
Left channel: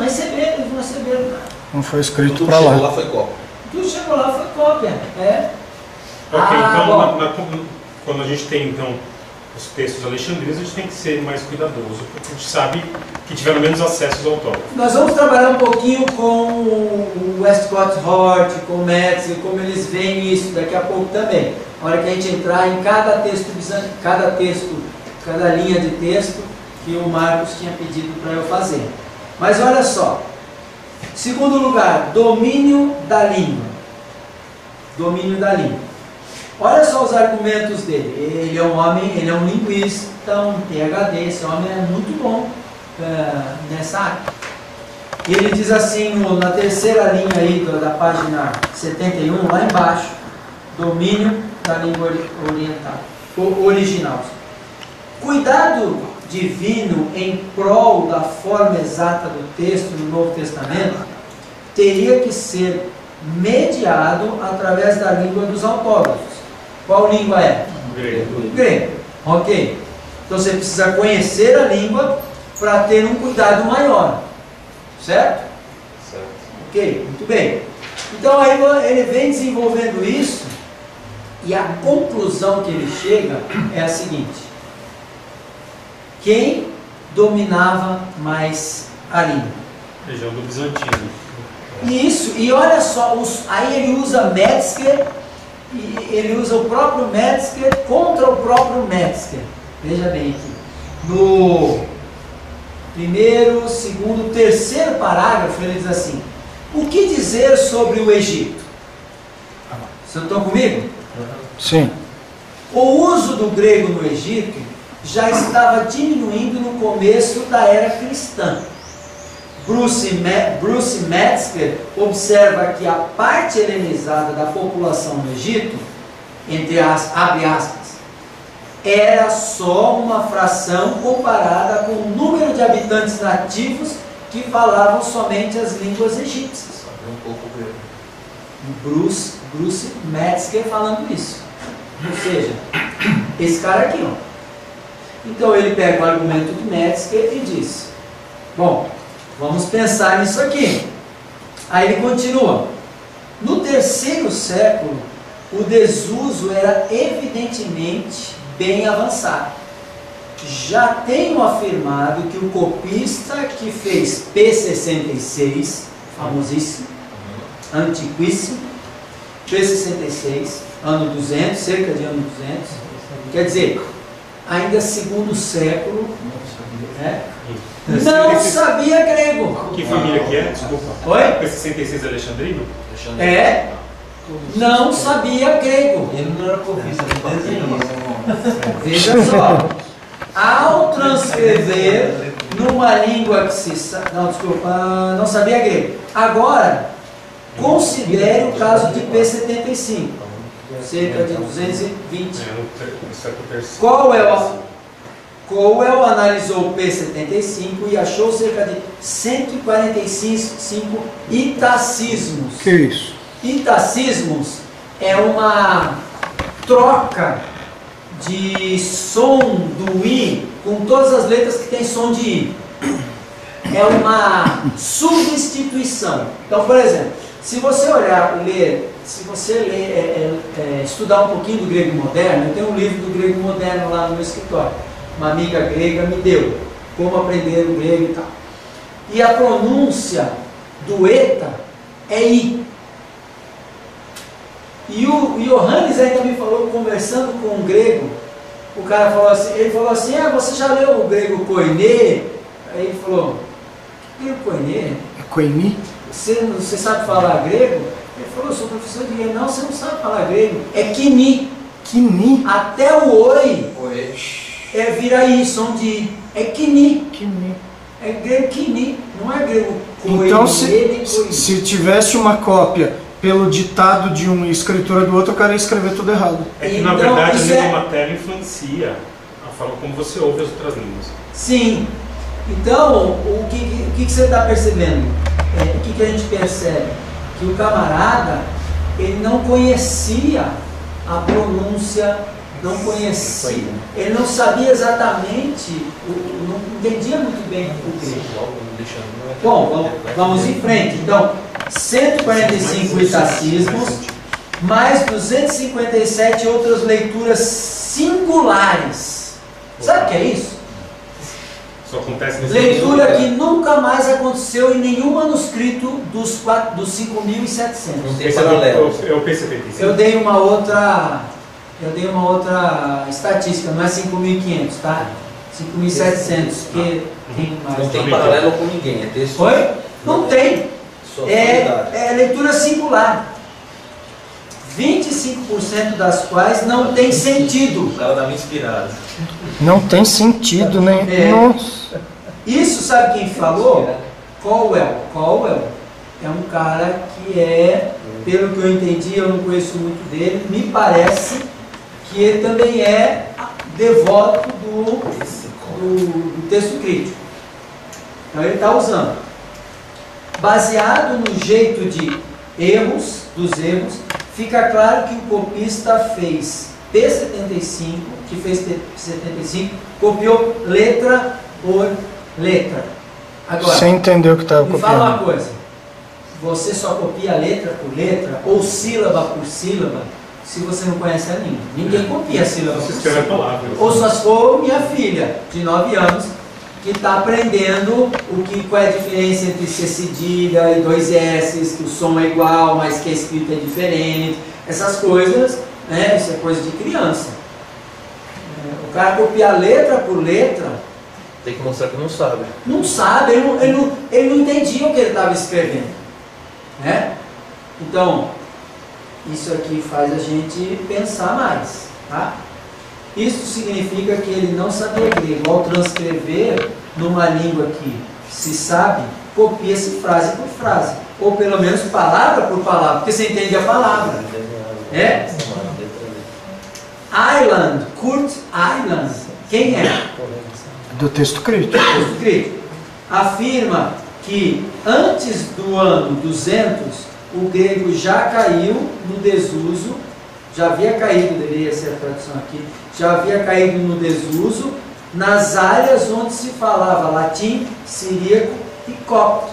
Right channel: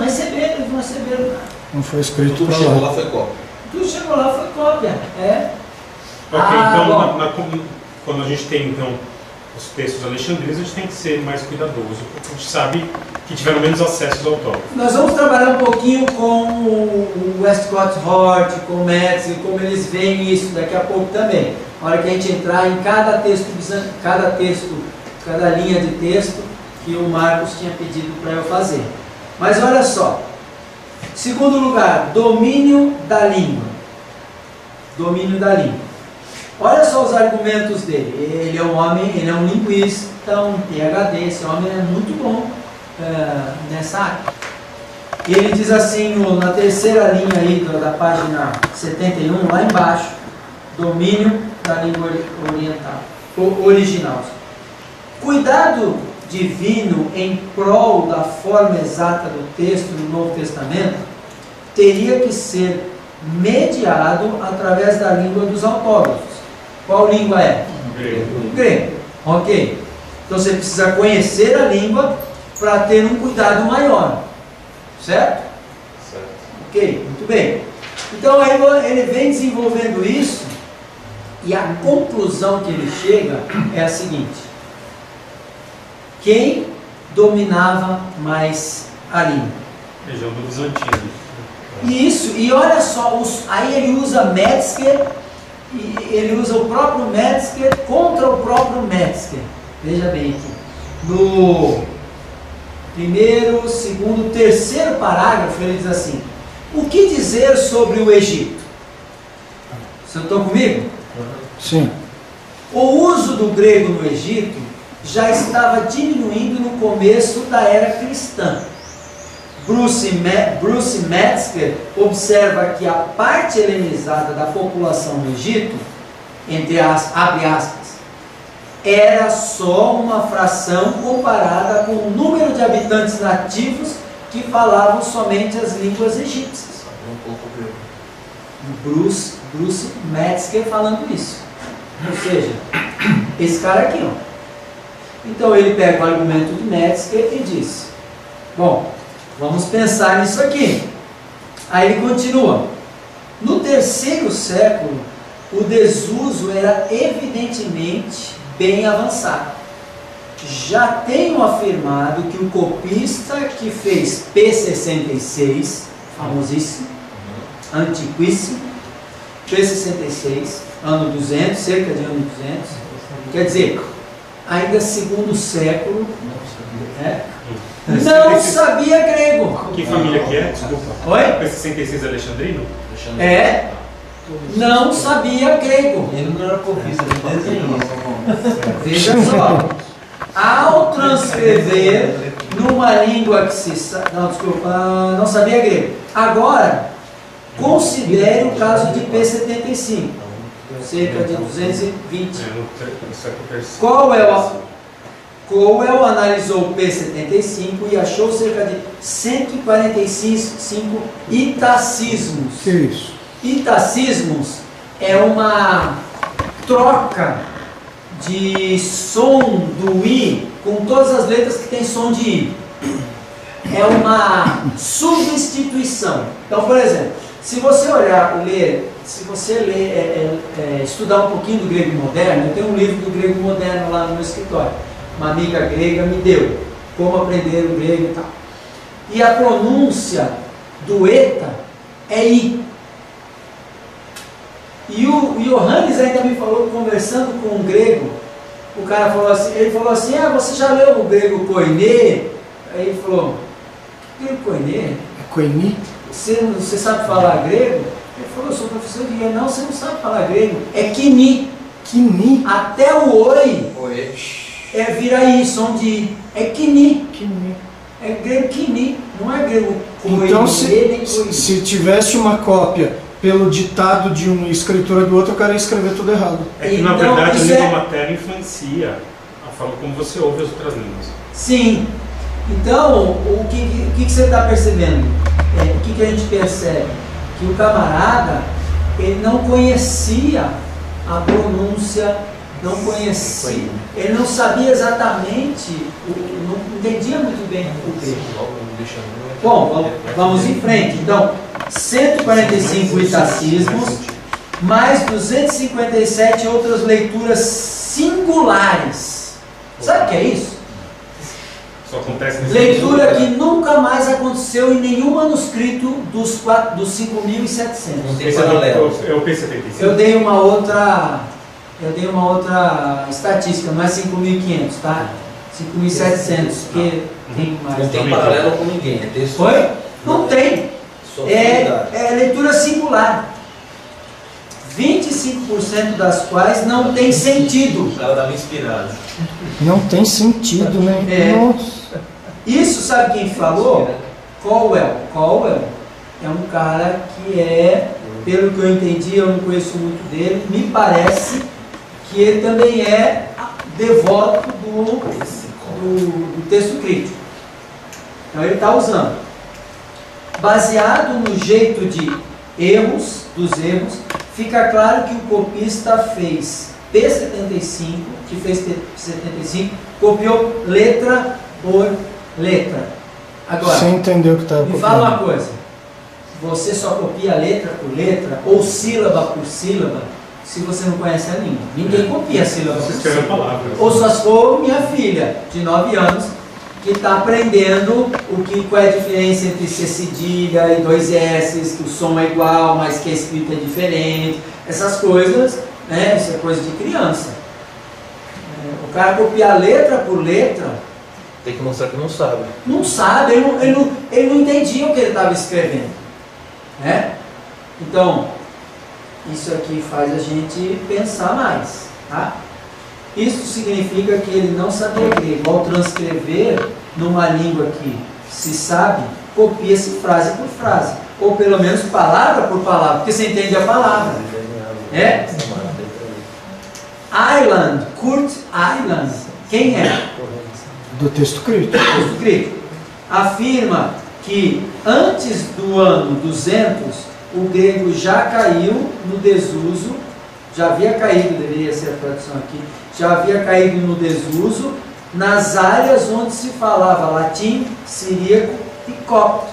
receberam nada. Não foi escrito Tudo para chegou lá. lá foi cópia. Tudo chegou lá foi cópia. Então, quando a gente tem os textos alexandrinos, a gente tem que ser mais cuidadoso, porque a gente sabe que tiveram menos acesso aos autógrafos. Nós vamos trabalhar um pouquinho com o Westcott Hort, com o Metzger, como eles veem isso daqui a pouco também. Na hora que a gente entrar em cada linha de texto que o Marcos tinha pedido para eu fazer. Mas olha só, segundo lugar, domínio da língua. Domínio da língua. Olha só os argumentos dele. Ele é um homem, ele é um linguista, um PhD, esse homem é muito bom nessa área. Ele diz assim, na terceira linha aí da página 71, lá embaixo, domínio da língua original. Cuidado divino em prol da forma exata do texto no Novo Testamento teria que ser mediado através da língua dos autógrafos. Qual língua é? Grego. Ok. Então você precisa conhecer a língua para ter um cuidado maior. Certo? Certo. Ok, muito bem. Então aí ele vem desenvolvendo isso e a conclusão que ele chega é a seguinte: quem dominava mais a língua? Região do Bizantino. Isso, e olha só, aí ele usa Metzger, e ele usa o próprio Metzger contra o próprio Metzger. Veja bem aqui. No primeiro, segundo, terceiro parágrafo, ele diz assim: O que dizer sobre o Egito? Vocês estão comigo? Sim. O uso do grego no Egito já estava diminuindo no começo da era cristã. Bruce Metzger observa que a parte helenizada da população no Egito, abre aspas, era só uma fração comparada com o número de habitantes nativos que falavam somente as línguas egípcias. Bruce Metzger falando isso. Ou seja, esse cara aqui, ó. Então ele pega o argumento de Metzger e diz: bom, vamos pensar nisso aqui. Aí ele continua: no terceiro século, o desuso era evidentemente bem avançado. Já tenho afirmado que o copista que fez P66, famosíssimo, antiquíssimo, P66, ano 200, cerca de ano 200, quer dizer, ainda segundo século, né? Não sabia grego. Que família que é? Desculpa. Oi? P66 Alexandrino? É, não sabia grego. Ele não era copista, ele desenhou. Veja só, ao transcrever numa língua que se... não sabia grego. Agora, considere o caso de P75, cerca de 220. Cowell analisou P75 e achou cerca de 145 itacismos. Que isso? Itacismos é uma troca de som do I com todas as letras que tem som de I. É uma substituição. Então, por exemplo, se você estudar um pouquinho do grego moderno, eu tenho um livro do grego moderno lá no meu escritório. Uma amiga grega me deu, como aprender o grego e tal. E a pronúncia do eta é I. E o Johannes ainda me falou, conversando com um grego, o cara falou assim, ele falou assim: você já leu o grego koiné? Aí ele falou: grego koiné? É koiné? Você sabe falar grego? Ele falou: eu sou professor de grego. Não, você não sabe falar grego. É kini. Kini? Até o oi vira I, som de I. É kini. Kini. É grego kini, não é grego koiné. Então, se tivesse uma cópia pelo ditado de uma escritura do outro, o cara ia escrever tudo errado. É que, na verdade, a língua materna influencia a forma como você ouve as outras línguas. Sim. Então, o que você está percebendo? O que a gente percebe? Que o camarada, ele não conhecia a pronúncia, não conhecia, ele não sabia exatamente, não entendia muito bem o grego. Bom, vamos em frente. Então, 145 itacismos, mais 257 outras leituras singulares. Sabe o que é isso? Só acontece nesse Leitura que nunca mais aconteceu em nenhum manuscrito dos 5.700. Não tem paralelo. É o P75. Eu dei uma outra estatística, não é 5.500, tá? 5.700, que tem mais. Não tem paralelo com ninguém, é texto. Oi? Não tem. É leitura singular. 25% das quais não tem sentido. O cara dá inspirado. Não tem sentido, né? Nossa. Isso, sabe quem falou? Cowell é um cara que pelo que eu entendi, eu não conheço muito dele, me parece que ele também é devoto do texto crítico. Então ele está usando. Baseado no jeito de dos erros, fica claro que o copista fez P75, que fez P75, copiou letra por letra. Agora, você entendeu o que estava copiando? Me fala uma coisa: você só copia letra por letra ou sílaba por sílaba se você não conhece a língua. Ninguém copia sílaba por sílaba. Ou só se for minha filha, de 9 anos, que está aprendendo qual é a diferença entre C cedilha e 2 S, que o som é igual, mas que a escrita é diferente. Essas coisas, né? Isso é coisa de criança. O cara copiar letra por letra, tem que mostrar que não sabe. Não sabe, ele não entendia o que ele estava escrevendo. né? Então, isso aqui faz a gente pensar mais, tá? Isso significa que ele não sabia grego. Ao transcrever numa língua que se sabe, copia-se frase por frase, ou pelo menos palavra por palavra, porque você entende a palavra. Island, Kurt Island, quem é? Do texto crítico. Texto crítico. Afirma que antes do ano 200, o grego já caiu no desuso, já havia caído, deveria ser a tradução aqui, já havia caído no desuso nas áreas onde se falava latim, siríaco e copto.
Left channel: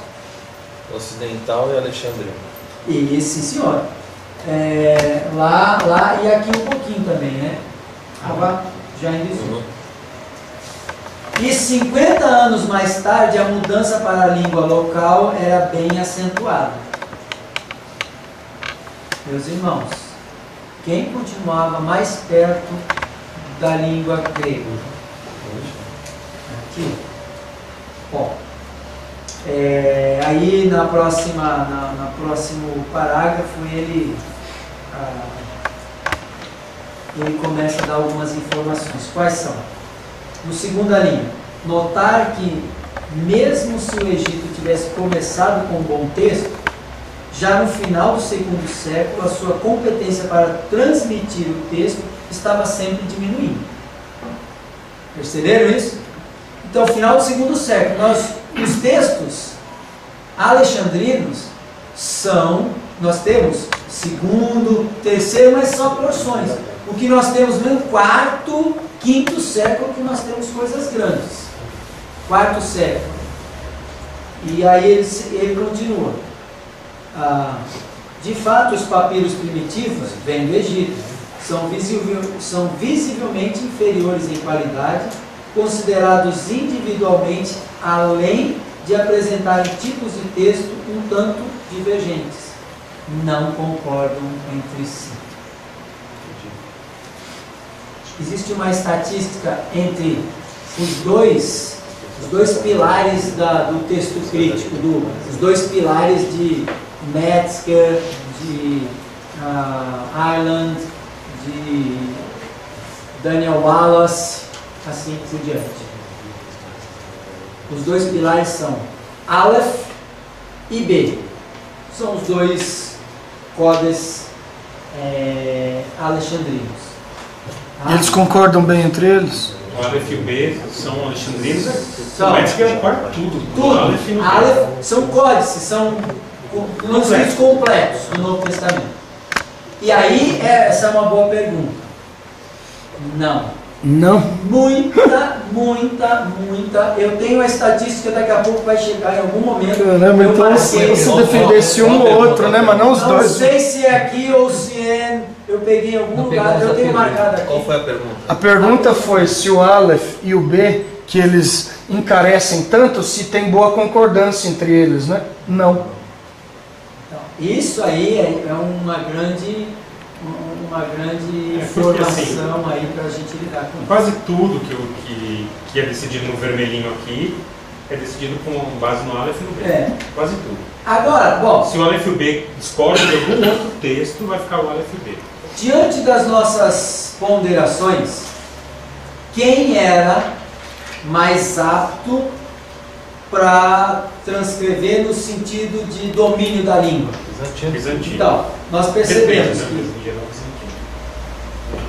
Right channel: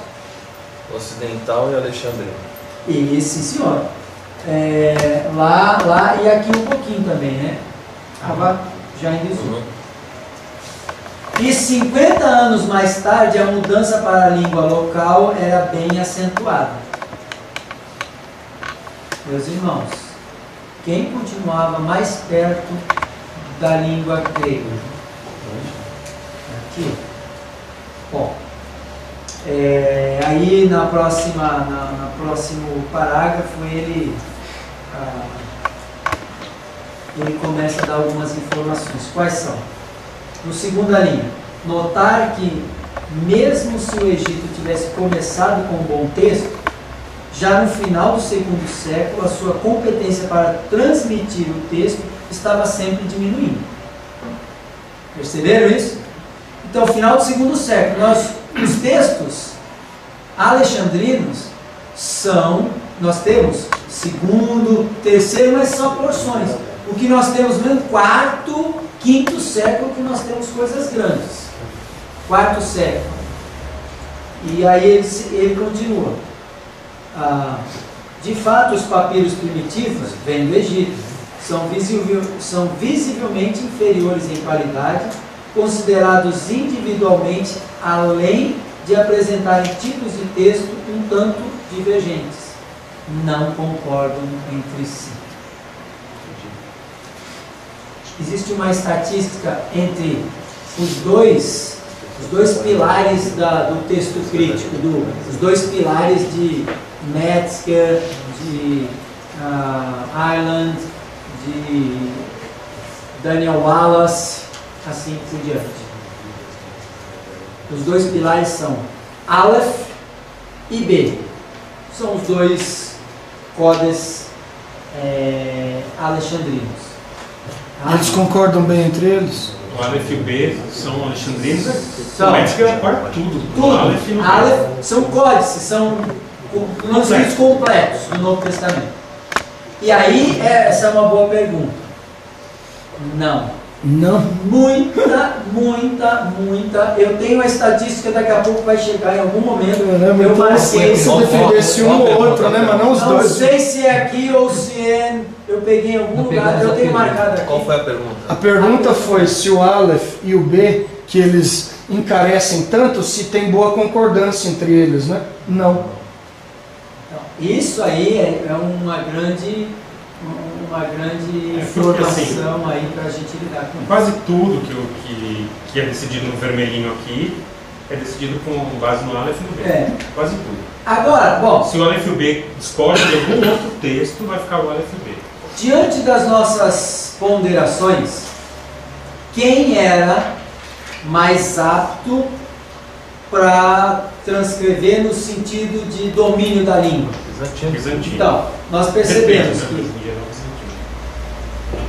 Ocidental e alexandrino. E sim, senhor. Lá e aqui um pouquinho também, né? Estava já em desuso. E 50 anos mais tarde, a mudança para a língua local era bem acentuada. Meus irmãos, quem continuava mais perto da língua grega? Aqui. Bom, aí no próximo parágrafo ele começa a dar algumas informações. Quais são? No segunda linha, notar que mesmo se o Egito tivesse começado com um bom texto, já no final do segundo século a sua competência para transmitir o texto estava sempre diminuindo. Perceberam isso? Então, final do segundo século, os textos alexandrinos nós temos segundo, terceiro, mas são porções. O que nós temos no quarto, quinto século, que nós temos coisas grandes. Quarto século. E aí ele continua. De fato, os papiros primitivos vêm do Egito. São visivelmente inferiores em qualidade, considerados individualmente, além de apresentarem tipos de texto um tanto divergentes. Não concordam entre si. Existe uma estatística entre os dois pilares do texto crítico, os dois pilares de Metzger, de Ireland, de Daniel Wallace, assim por diante. Os dois pilares são Aleph e B. São os dois codes alexandrinos. Eles concordam bem entre eles? O Aleph e o B são alexandrinos. São. O Metzger acorda tudo. Tudo. Aleph e no B. Aleph são códices, são manuscritos completos do Novo Testamento. E aí, essa é uma boa pergunta. Não. Não. Muita. Eu tenho a estatística, daqui a pouco vai chegar em algum momento. Eu marquei se defendesse um ou outro, né? Mas não os dois. Não sei se é aqui ou se eu peguei em algum lugar. Eu tenho marcado aqui. Qual foi a pergunta? A pergunta foi se o Aleph e o B, que eles encarecem tanto, se tem boa concordância entre eles, né? Não. Então, isso aí é uma grande informação aí para a gente lidar com isso. Quase tudo que é decidido no vermelhinho aqui é decidido com base no Aleph e no B. Quase tudo. Agora, bom, se o Aleph e o B discordam de algum outro texto, vai ficar o Aleph e o B. Diante das nossas ponderações, quem era mais apto para transcrever no sentido de domínio da língua? Bizantino. Então, nós percebemos que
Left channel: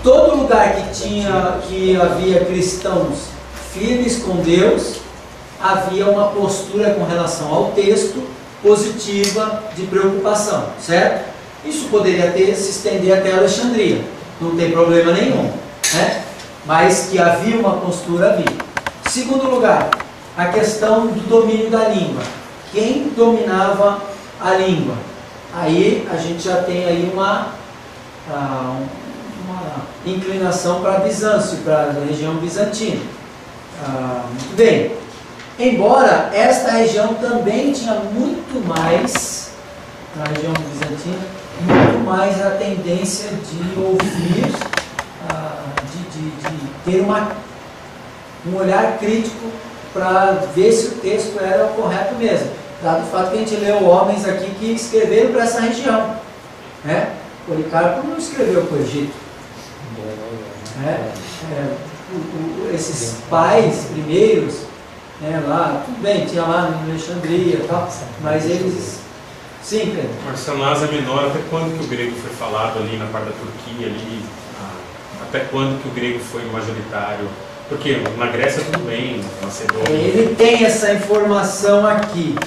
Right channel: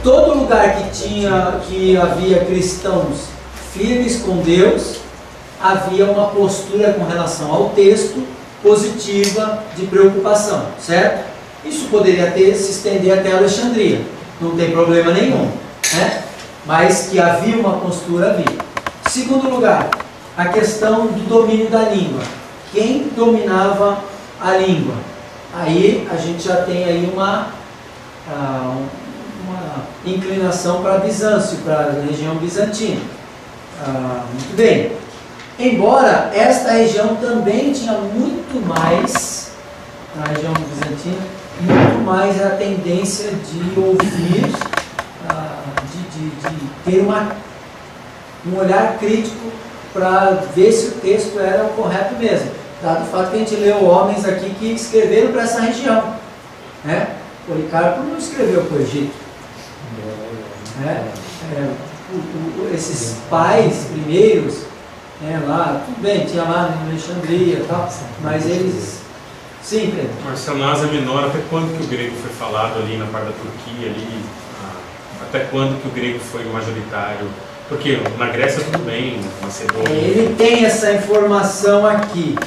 todo lugar que havia cristãos firmes com Deus, havia uma postura com relação ao texto positiva de preocupação, certo? Isso poderia se estender até Alexandria, não tem problema nenhum, né? Mas que havia uma postura, havia. Segundo lugar, a questão do domínio da língua. Quem dominava a língua? Aí a gente já tem aí uma inclinação para Bizâncio, para a região bizantina. Muito bem. Embora esta região também tinha muito mais, na região bizantina, muito mais a tendência de ouvir, de ter um olhar crítico para ver se o texto era o correto mesmo. dado o fato que a gente leu homens aqui que escreveram para essa região. Né? Policarpo não escreveu para o Egito. Né? Esses pais primeiros, né, lá, tudo bem, tinha lá em Alexandria e tal, mas eles... Sim, Pedro. Marcelo, na Ásia Menor, até quando que o grego foi falado ali na parte da Turquia, ali, até quando que o grego foi majoritário? Porque na Grécia tudo bem, Macedônia... Ele tem essa informação aqui,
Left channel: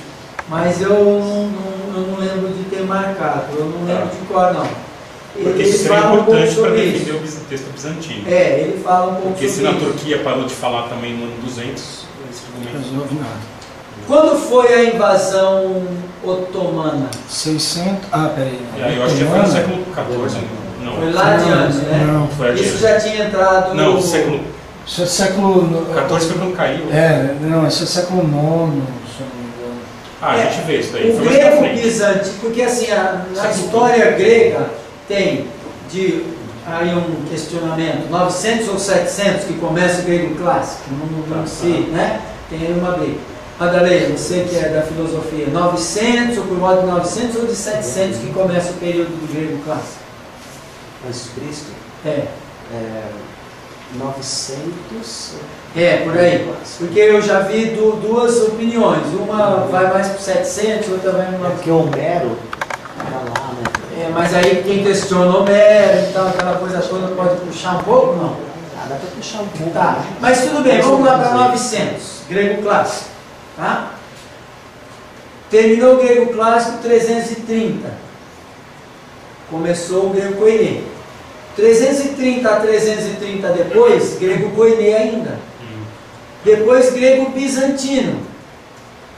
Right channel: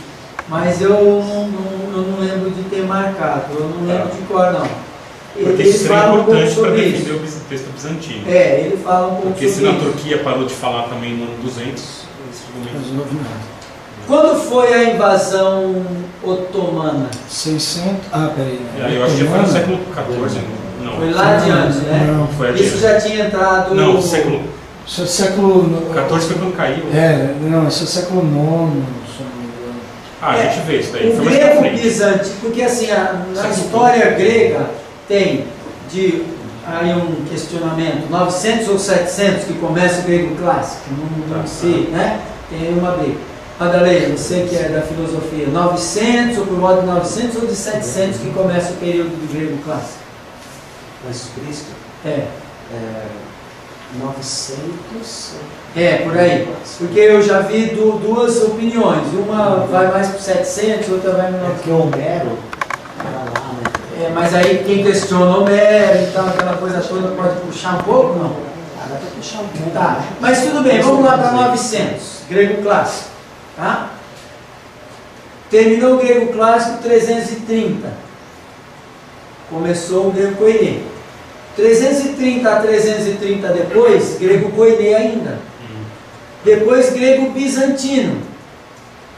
mas eu não lembro de ter marcado, eu não lembro de cor não. Porque Ele isso seria fala um pouco importante para sobre defender isso. o texto bizantino. Ele fala um pouco Porque sobre se na isso. Turquia parou de falar também no ano 200, esse argumento... Não vi nada. Quando foi a invasão otomana? 600... peraí. Eu acho que foi no século XIV. Não. Foi lá adiante, né? Não, foi adiante. Isso já tinha entrado... Não, século Isso é século... XIV foi quando caiu. Não, isso é século IX, se eu não me engano. A gente vê isso daí. O Foi mais pra grego frente. bizantino, porque assim, na história grega tem aí um questionamento, 900 ou 700 que começa o grego clássico, não sei, né? Tem aí uma briga. Madalena, você que é da filosofia, 900 ou por volta de 900 ou de 700 que começa o período do grego clássico? Antes de Cristo? 900... por aí. Porque eu já vi duas opiniões. Uma vai mais para 700, outra vai no 900. Porque Homero era lá, né? Mas aí quem questiona Homero e tal, aquela coisa toda, pode puxar um pouco, não? Dá para puxar um pouco. Tá, mas tudo bem, vamos lá para 900, grego clássico. Tá? Terminou o grego clássico 330. Começou o grego koiné. 330 a 330 depois, grego koiné ainda. Depois grego bizantino.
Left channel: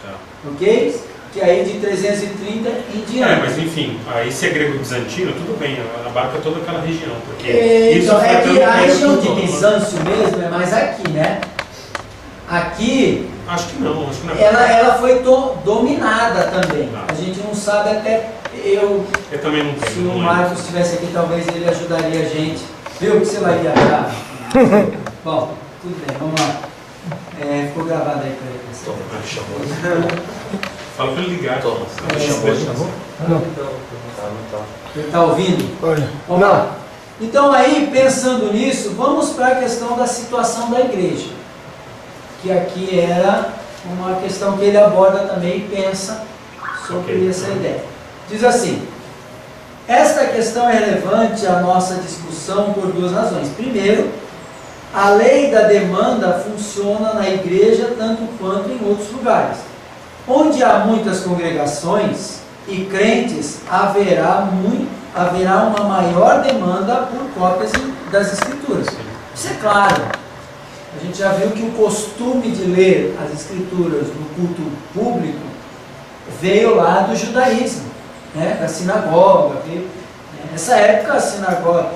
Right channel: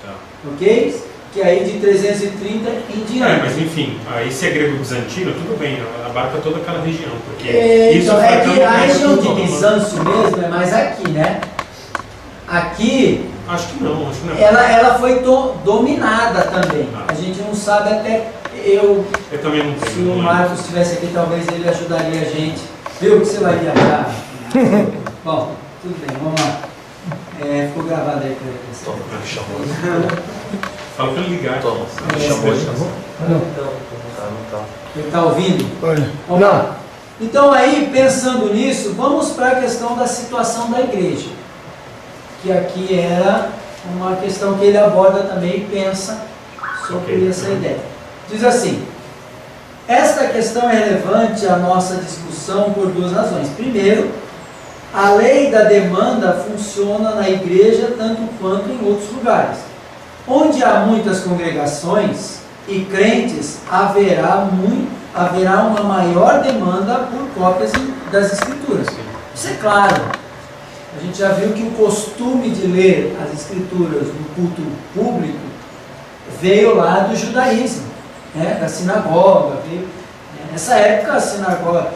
Tá. Ok? Que aí de 330 em diante. Mas enfim, aí se é grego bizantino, tudo bem, abarca toda aquela região. Porque Então, foi até que no a período região de otomano. Bizâncio mesmo é mais aqui, né? Aqui Acho que não é. ela foi dominada também. Tá. A gente não sabe até. Eu também não tenho. Se o não Marcos estivesse aqui, talvez ele ajudaria a gente. Viu que você vai viajar? Bom, tudo bem, vamos lá. Ficou gravado aí para ele. Toma, chamou. Fala para ele ligar. Toma. Chamou? Não. Ele está ouvindo? Olha. Vamos lá. Então aí, pensando nisso, vamos para a questão da situação da igreja. Que aqui era uma questão que ele aborda também e pensa sobre essa ideia. Diz assim: esta questão é relevante à nossa discussão por duas razões. Primeiro, a lei da demanda funciona na igreja tanto quanto em outros lugares. Onde há muitas congregações e crentes, haverá uma maior demanda por cópias das Escrituras. Isso é claro. A gente já viu que o costume de ler as Escrituras no culto público veio lá do judaísmo, né? Da sinagoga. Nessa época, a sinagoga,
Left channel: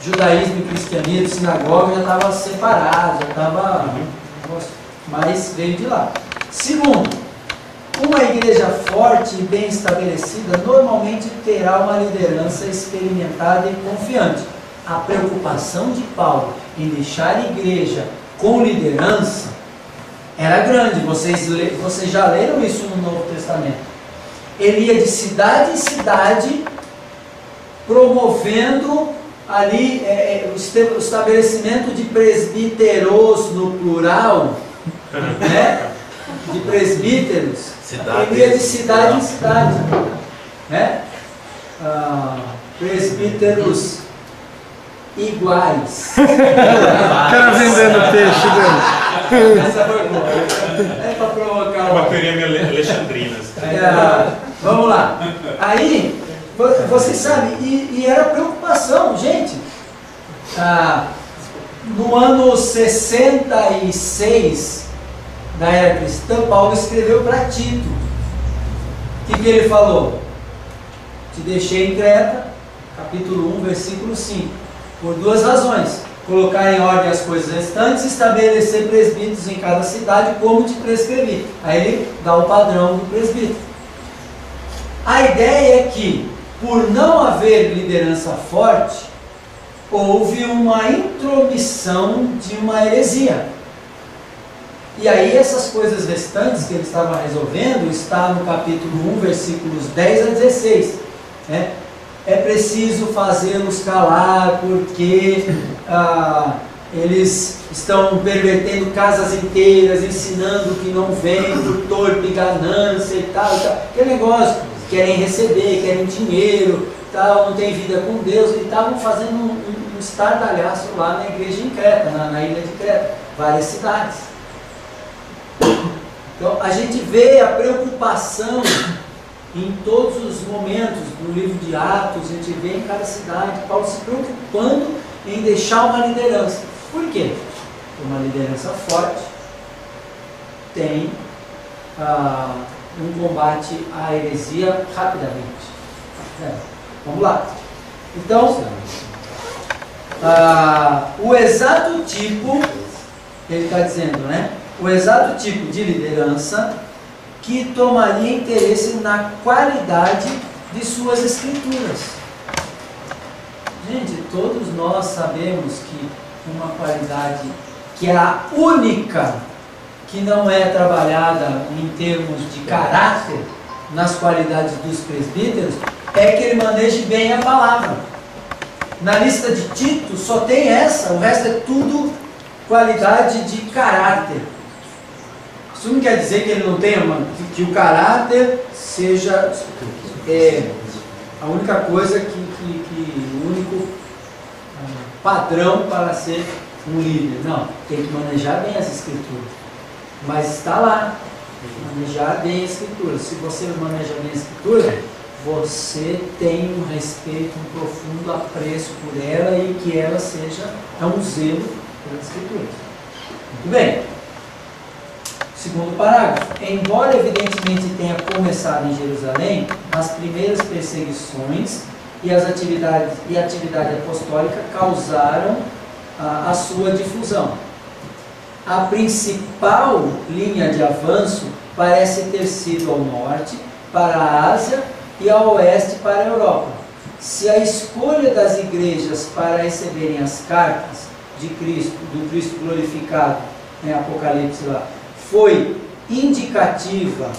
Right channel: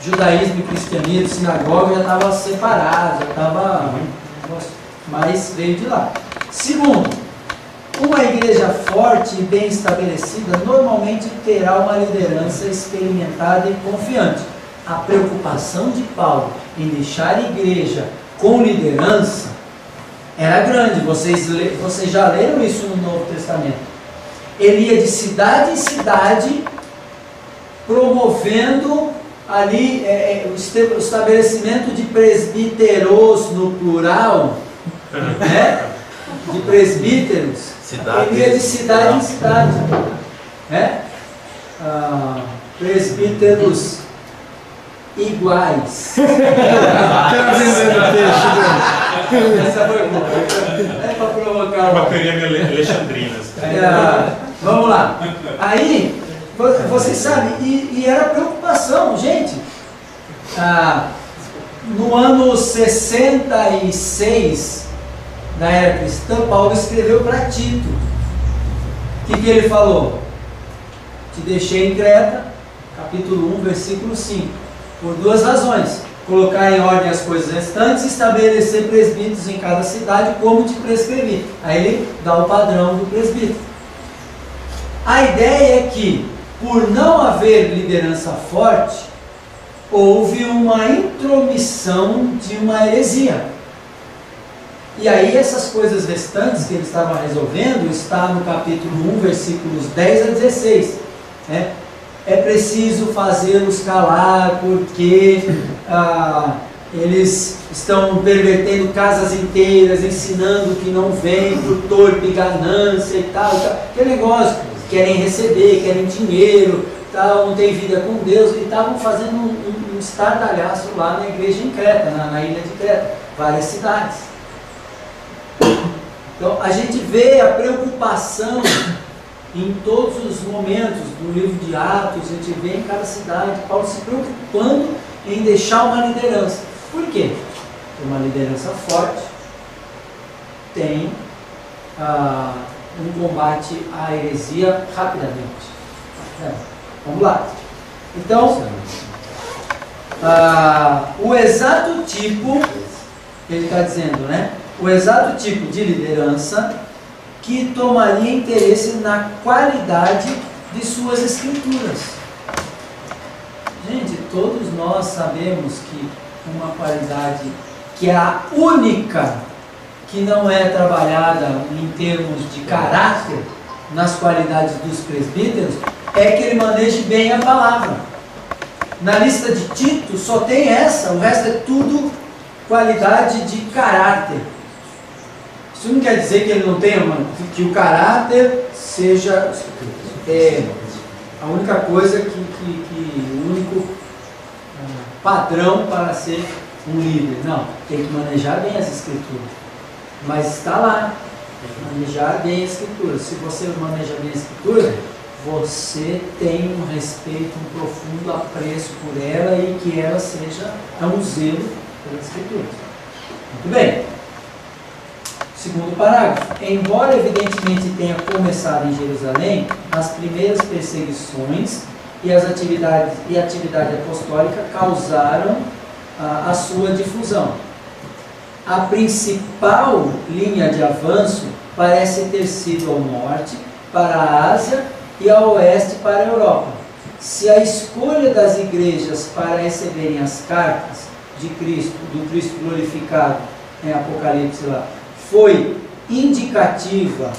judaísmo e cristianismo, sinagoga já estava separado, já estava, mas veio de lá. Segundo, uma igreja forte e bem estabelecida normalmente terá uma liderança experimentada e confiante. A preocupação de Paulo em deixar a igreja com liderança era grande. Vocês já leram isso no Novo Testamento. Ele ia de cidade em cidade promovendo ali o estabelecimento de presbíteros no plural, né? De presbíteros. Ele ia de cidade em cidade, né? Presbíteros iguais. O cara vendendo peixe dele. Essa foi boa. É para provocar uma teoria alexandrina. Vamos lá. Aí, vocês sabem, e era preocupação, gente. No ano 66 da era cristã, Paulo escreveu para Tito. O que ele falou? Te deixei em Creta, capítulo 1, versículo 5. Por duas razões: colocar em ordem as coisas restantes e estabelecer presbíteros em cada cidade, como te prescrevi. Aí ele dá o padrão do presbítero. A ideia é que, por não haver liderança forte, houve uma intromissão de uma heresia. E aí essas coisas restantes que ele estava resolvendo está no capítulo 1, versículos 10 a 16. Né? É preciso fazê-los calar porque eles estão pervertendo casas inteiras, ensinando que não vem por torpe ganância e tal. Aquele negócio, querem receber, querem dinheiro, tal, não tem vida com Deus. E estavam fazendo um estardalhaço lá na igreja em Creta, na ilha de Creta, várias cidades. Então a gente vê a preocupação em todos os momentos do livro de Atos, a gente vê em cada cidade, Paulo se preocupando em deixar uma liderança. Por quê? Porque uma liderança forte tem um combate à heresia rapidamente. Vamos lá. Então, o exato tipo, ele está dizendo, né? O exato tipo de liderança que tomaria interesse na qualidade de suas escrituras. Gente, todos nós sabemos que uma qualidade que é a única que não é trabalhada em termos de caráter nas qualidades dos presbíteros é que ele maneje bem a palavra. Na lista de Tito só tem essa, o resto é tudo qualidade de caráter. Isso não quer dizer que ele não tenha, que o caráter seja a única coisa o único padrão para ser um líder. Não, tem que manejar bem as escrituras. Mas está lá, manejar bem a escritura. Se você maneja bem a escritura, você tem um respeito, um profundo apreço por ela e que ela seja um zelo pela escritura. Muito bem. Segundo parágrafo. Embora evidentemente tenha começado em Jerusalém, as primeiras perseguições e a atividade apostólica causaram a sua difusão. A principal linha de avanço parece ter sido ao norte, para a Ásia, e ao oeste, para a Europa. Se a escolha das igrejas para receberem as cartas de Cristo, do Cristo glorificado, em Apocalipse lá, foi indicativa,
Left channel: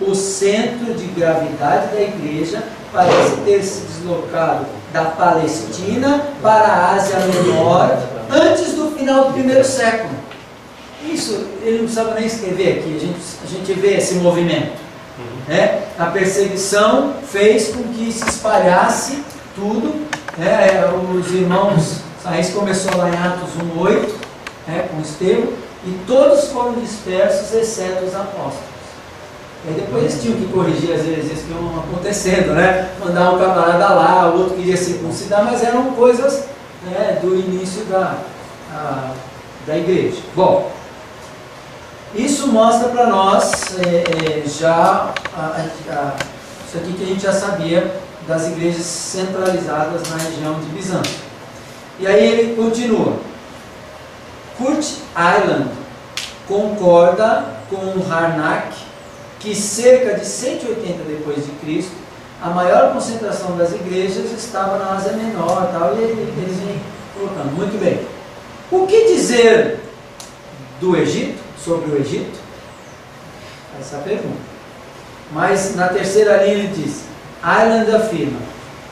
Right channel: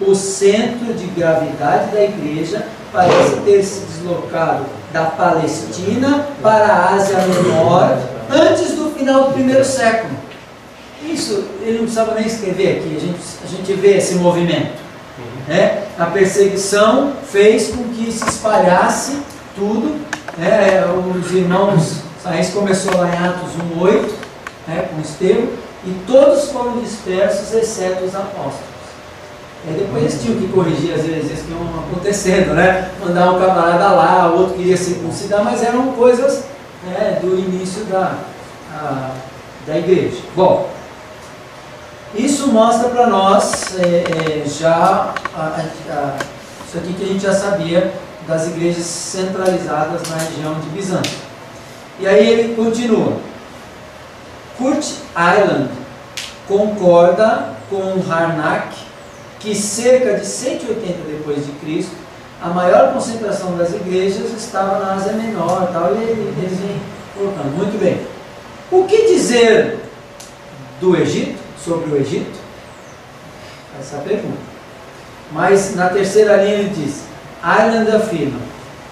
o centro de gravidade da igreja parece ter se deslocado da Palestina para a Ásia Menor antes do final do primeiro século. Isso ele não precisava nem escrever aqui, a gente vê esse movimento. Né? A perseguição fez com que se espalhasse tudo. Né? Os irmãos, isso começou lá em Atos 1:8, né? Com Estevão, e todos foram dispersos, exceto os apóstolos. E depois eles tinham que corrigir as heresias que iam acontecendo, né? Mandar um camarada lá, o outro queria circuncidar, mas eram coisas, né, do início da igreja. Bom, isso mostra para nós isso aqui que a gente já sabia das igrejas centralizadas na região de Bizâncio. E aí ele continua. Kurt Aland concorda com Harnack que cerca de 180 depois de Cristo a maior concentração das igrejas estava na Ásia Menor, tal, e ele vem colocando. Muito bem. O que dizer do Egito, sobre o Egito? Essa é a pergunta. Mas na terceira linha ele diz: Ireland afirma,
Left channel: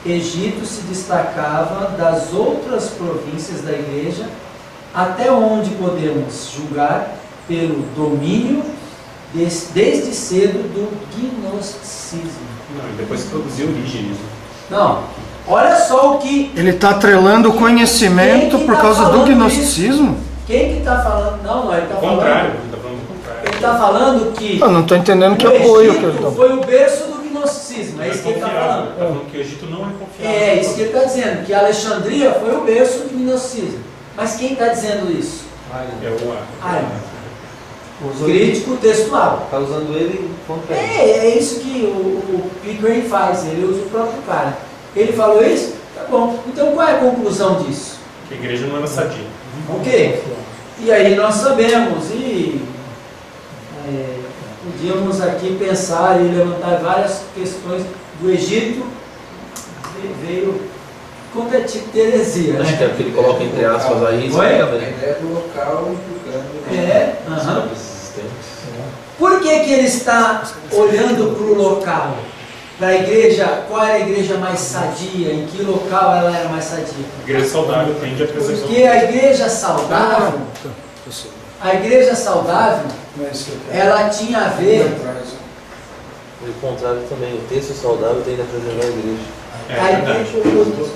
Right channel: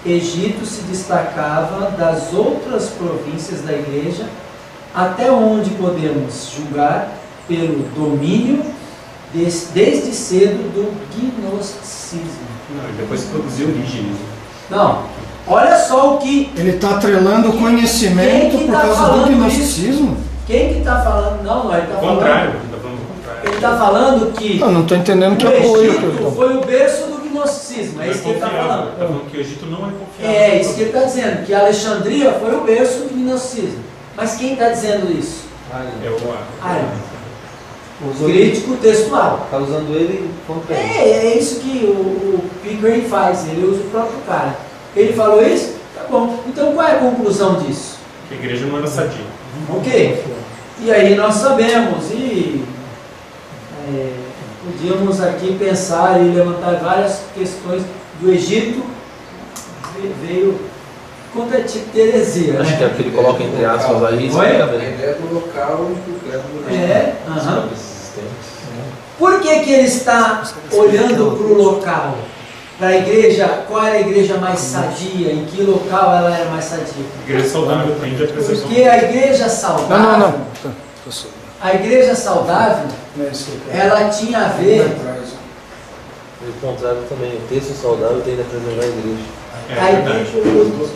Egito se destacava das outras províncias da igreja, até onde podemos julgar pelo domínio desde cedo do gnosticismo. Não, depois produziu Orígenes. Não, olha só o que... Ele está atrelando o conhecimento por causa do gnosticismo? Quem que está falando? Não, ele está falando... Contrário, ele está falando o contrário. Ele está falando que... Eu não estou entendendo que o apoio que ele Egito está. foi o berço do gnosticismo, é isso que ele está falando. Ele está falando que o Egito não é confiável. É isso que ele está dizendo, que Alexandria foi o berço do gnosticismo. Mas quem está dizendo isso? É o Crítico textual. Está usando ele contra ele. É isso que o Pickering faz, ele usa o próprio cara. Ele falou isso? Tá bom. Então qual é a conclusão disso? Que a igreja não era sadia. Ok. E aí nós sabemos, e podíamos aqui pensar e levantar várias questões do Egito, veio quando é tipo de heresia. Acho que é porque ele coloca entre aspas aí. Oi? A ideia do local e do credo. Por que ele está olhando para o local? Para a igreja, qual era a igreja mais sadia? Em que local ela era mais sadia? A igreja saudável tende a preservar. Porque a igreja saudável, a igreja saudável, ela tinha a ver. O contrário também, o texto saudável tende a preservar a igreja.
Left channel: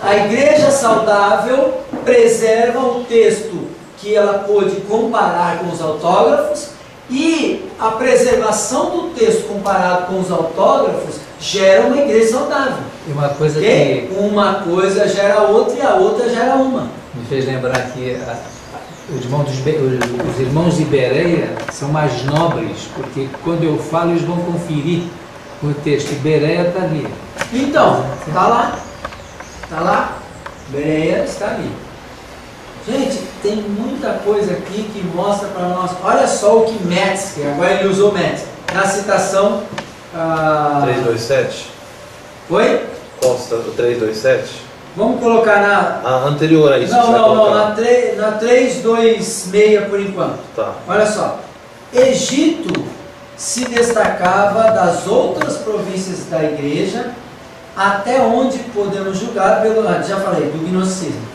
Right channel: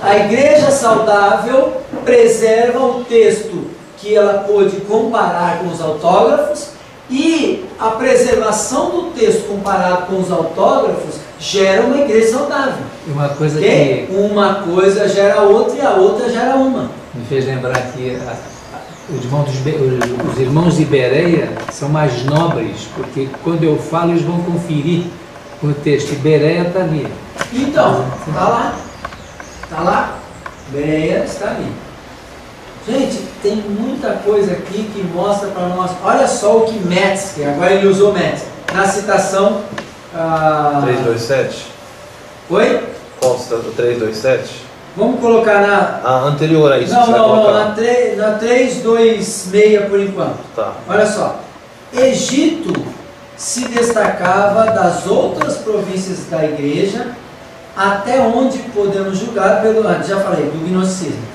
A igreja saudável preserva o texto que ela pôde comparar com os autógrafos, e a preservação do texto comparado com os autógrafos gera uma igreja saudável. E uma coisa que uma coisa gera outra e a outra gera uma. Me fez lembrar que os irmãos de Bereia são mais nobres, porque quando eu falo eles vão conferir o texto. E Bereia está ali. Então, está lá. Está lá. Bereia está ali. Gente, tem muita coisa aqui que mostra para nós. Olha só o que Metzger, agora ele usou Metzger, na citação 327. Oi? Qual citação? 327? Vamos colocar na... A anterior a isso. Não, na 326 por enquanto. Tá. Olha só. Egito se destacava das outras províncias da igreja, até onde podemos julgar pelo... já falei, do gnosticismo.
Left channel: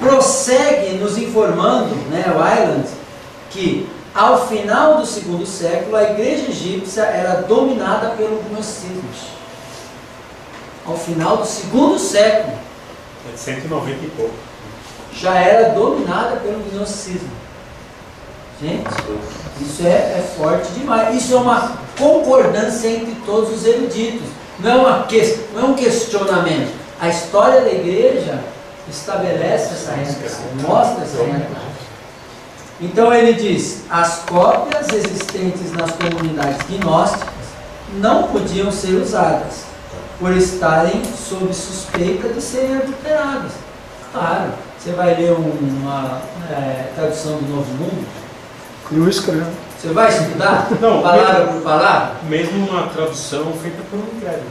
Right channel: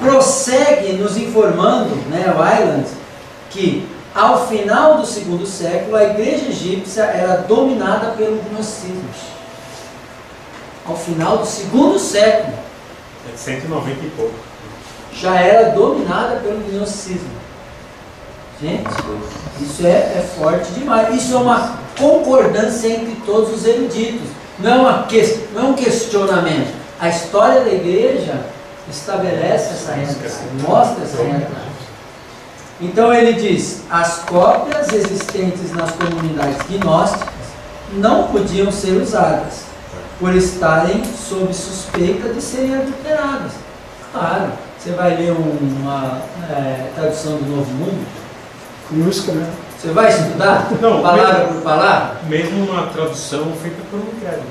Prossegue nos informando, né, o Ireland, que ao final do segundo século a igreja egípcia era dominada pelo gnosticismo. Ao final do segundo século, 190 e pouco, já era dominada pelo gnosticismo. Gente, isso é forte demais. Isso é uma concordância entre todos os eruditos. Não é um questionamento. A história da igreja estabelece essa realidade, mostra essa realidade. Então ele diz: as cópias existentes nas comunidades gnósticas não podiam ser usadas, por estarem sob suspeita de serem adulteradas. Claro, você vai ler uma tradução do Novo Mundo? Cruz, credo. Você vai estudar? Não, palavra por palavra? Mesmo uma tradução feita por um credo.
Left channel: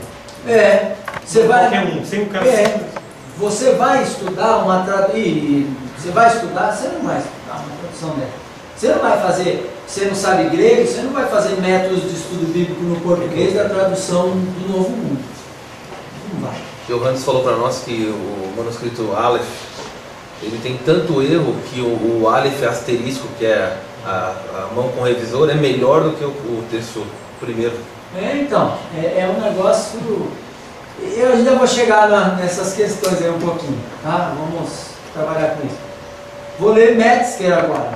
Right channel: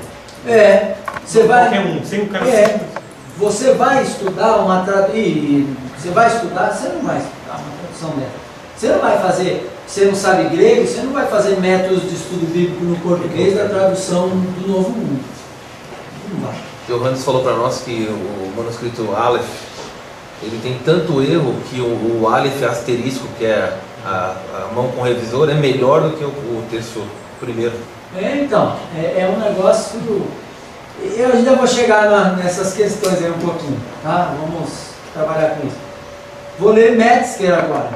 Você vai... Qualquer um, sem o cara... Você vai estudar uma tradução... Você vai estudar, você não vai estudar uma tradução dela. Você não vai fazer... Você não sabe grego, você não vai fazer métodos de estudo bíblico no português da tradução do Novo Mundo. Não vai. Johannes falou para nós que o manuscrito Aleph, ele tem tanto erro que o Aleph asterisco, que é a mão com revisor, é melhor do que o texto primeiro. Então, é um negócio... Eu ainda vou chegar nessas questões aí um pouquinho, tá? Vamos trabalhar com isso. Vou ler Metzger agora.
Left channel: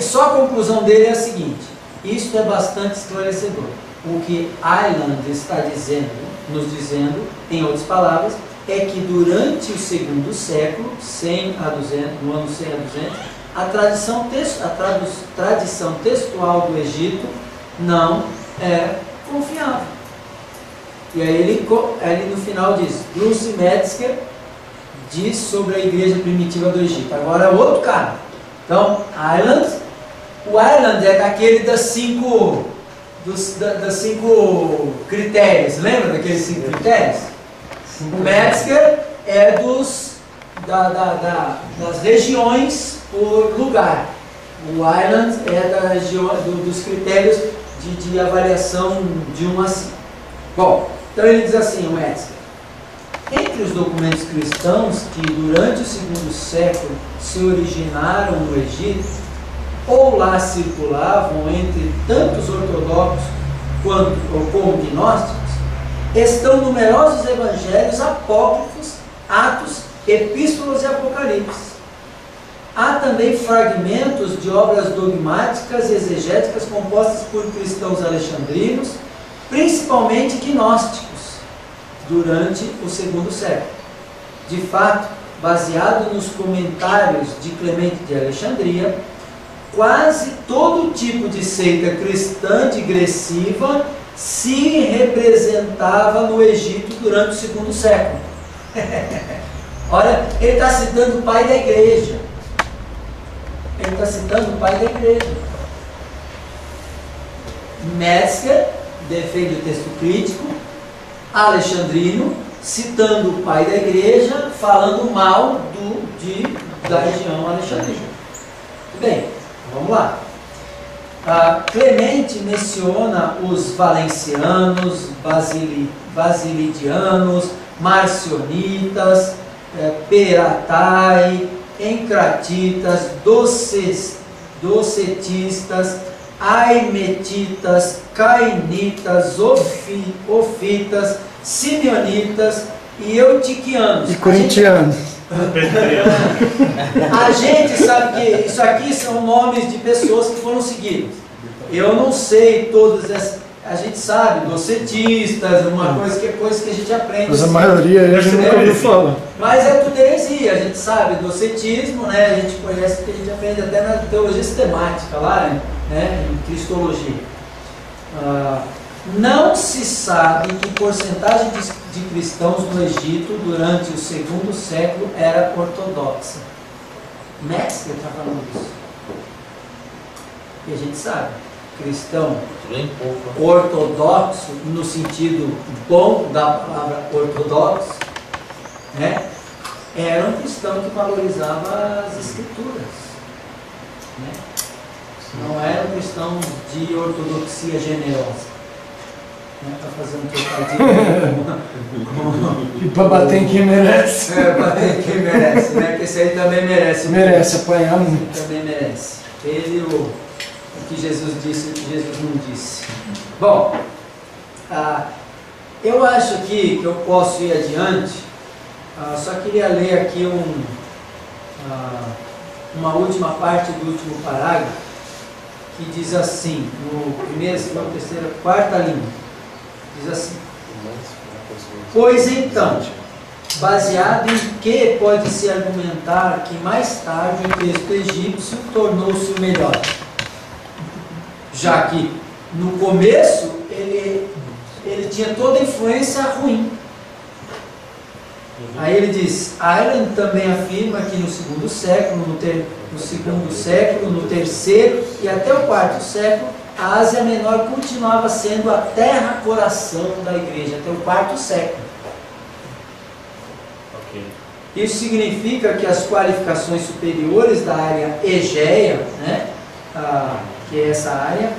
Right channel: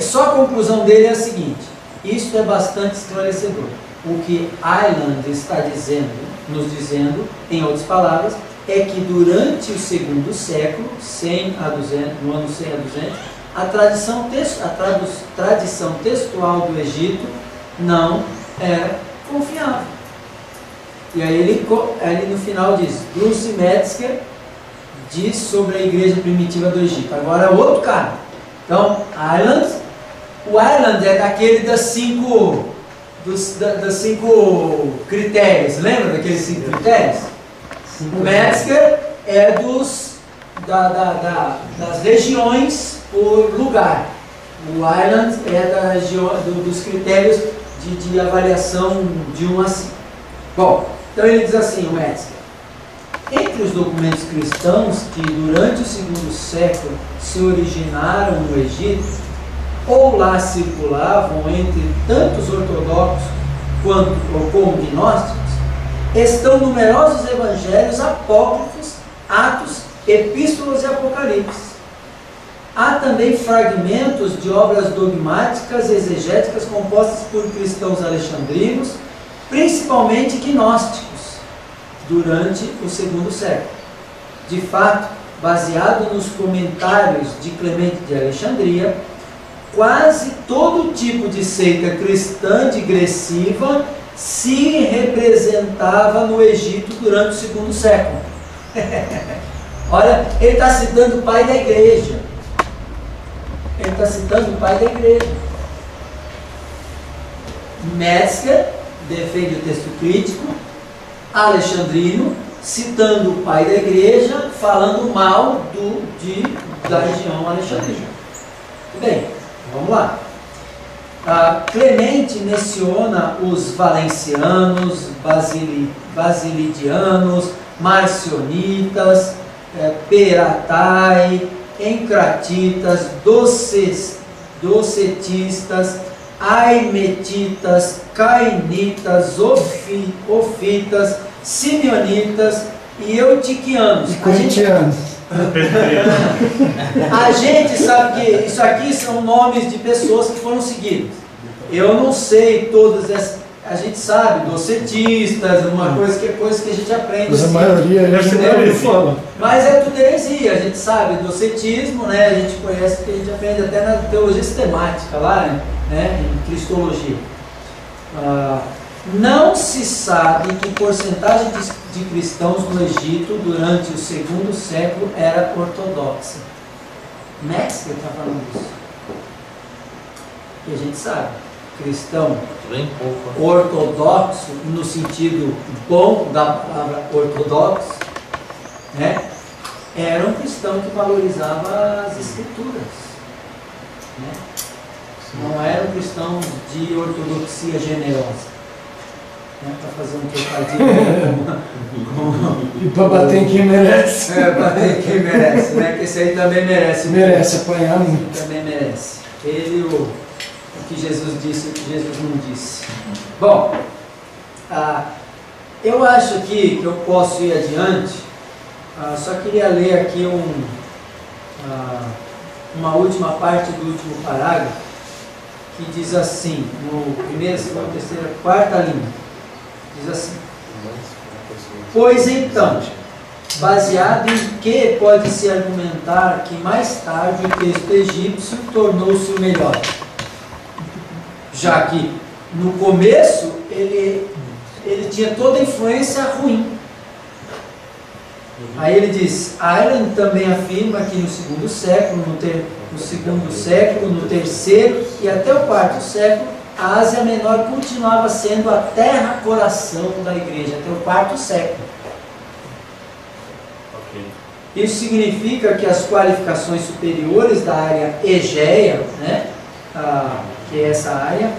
Só a conclusão dele é a seguinte: isto é bastante esclarecedor. O que Ireland está nos dizendo, em outras palavras, é que durante o segundo século, 100 a 200, no ano 100 a 200, a tradição textual do Egito não era confiável. E aí ele no final diz: Bruce Metzger diz sobre a igreja primitiva do Egito. Agora é outro cara. Então, o Ireland é daquele das cinco critérios. Lembra daqueles 5 critérios? O Metzger é das regiões por lugar. O Ireland é da região, dos critérios de avaliação de 1 a 5. Bom, então ele diz assim, o Metzger: entre os documentos cristãos que durante o segundo século se originaram no Egito, ou lá circulavam entre tantos ortodoxos como gnósticos, estão numerosos evangelhos apócrifos, Atos, Epístolas e Apocalipse. Há também fragmentos de obras dogmáticas e exegéticas compostas por cristãos alexandrinos, principalmente gnósticos, durante o segundo século. De fato, baseado nos comentários de Clemente de Alexandria, quase todo tipo de seita cristã digressiva se representava no Egito durante o segundo século. Olha, ele está citando o pai da igreja. Ele está citando o pai da igreja. Metzger defende o texto crítico. alexandrino, citando o pai da igreja, falando mal da região alexandrina. Muito bem, vamos lá. Clemente menciona os valencianos, basilidianos, marcionitas, peratai, encratitas, docetistas, aimetitas, cainitas, ofitas, simeonitas e eutiquianos. E corintianos. A gente sabe que isso aqui são nomes de pessoas que foram seguidas. Eu não sei todas essas. A gente sabe, docetistas, coisa que a gente aprende. Mas a maioria a gente não ouviu falar. Mas é tudo heresia, a gente sabe, docetismo, né? A gente conhece, que a gente aprende até na teologia sistemática lá, né? Em cristologia. Não se sabe que porcentagem de cristãos no Egito durante o segundo século era ortodoxa. Metzger está falando isso. E a gente sabe, cristão ortodoxo, no sentido bom da palavra ortodoxo, né? Era um cristão que valorizava as escrituras, né? Não era um cristão de ortodoxia generosa. Para fazer um trocadilho e para bater em quem merece. Bater em quem merece, né? Porque esse aí também merece. Merece apanhar muito. Também merece. Ele, o que Jesus disse e o que Jesus não disse. Bom, eu acho aqui que eu posso ir adiante. Só queria ler aqui uma última parte do último parágrafo, que diz assim, no primeiro, segundo, terceiro, quarta linha. Diz assim: pois então, baseado em que pode-se argumentar que mais tarde o texto egípcio tornou-se o melhor? Já que no começo ele tinha toda a influência ruim. Aí ele diz: Ireland também afirma que no segundo século, no terceiro e até o quarto século, a Ásia Menor continuava sendo a terra-coração da igreja, até o quarto século. Okay. Isso significa que as qualificações superiores da área Egeia, né, que é essa área,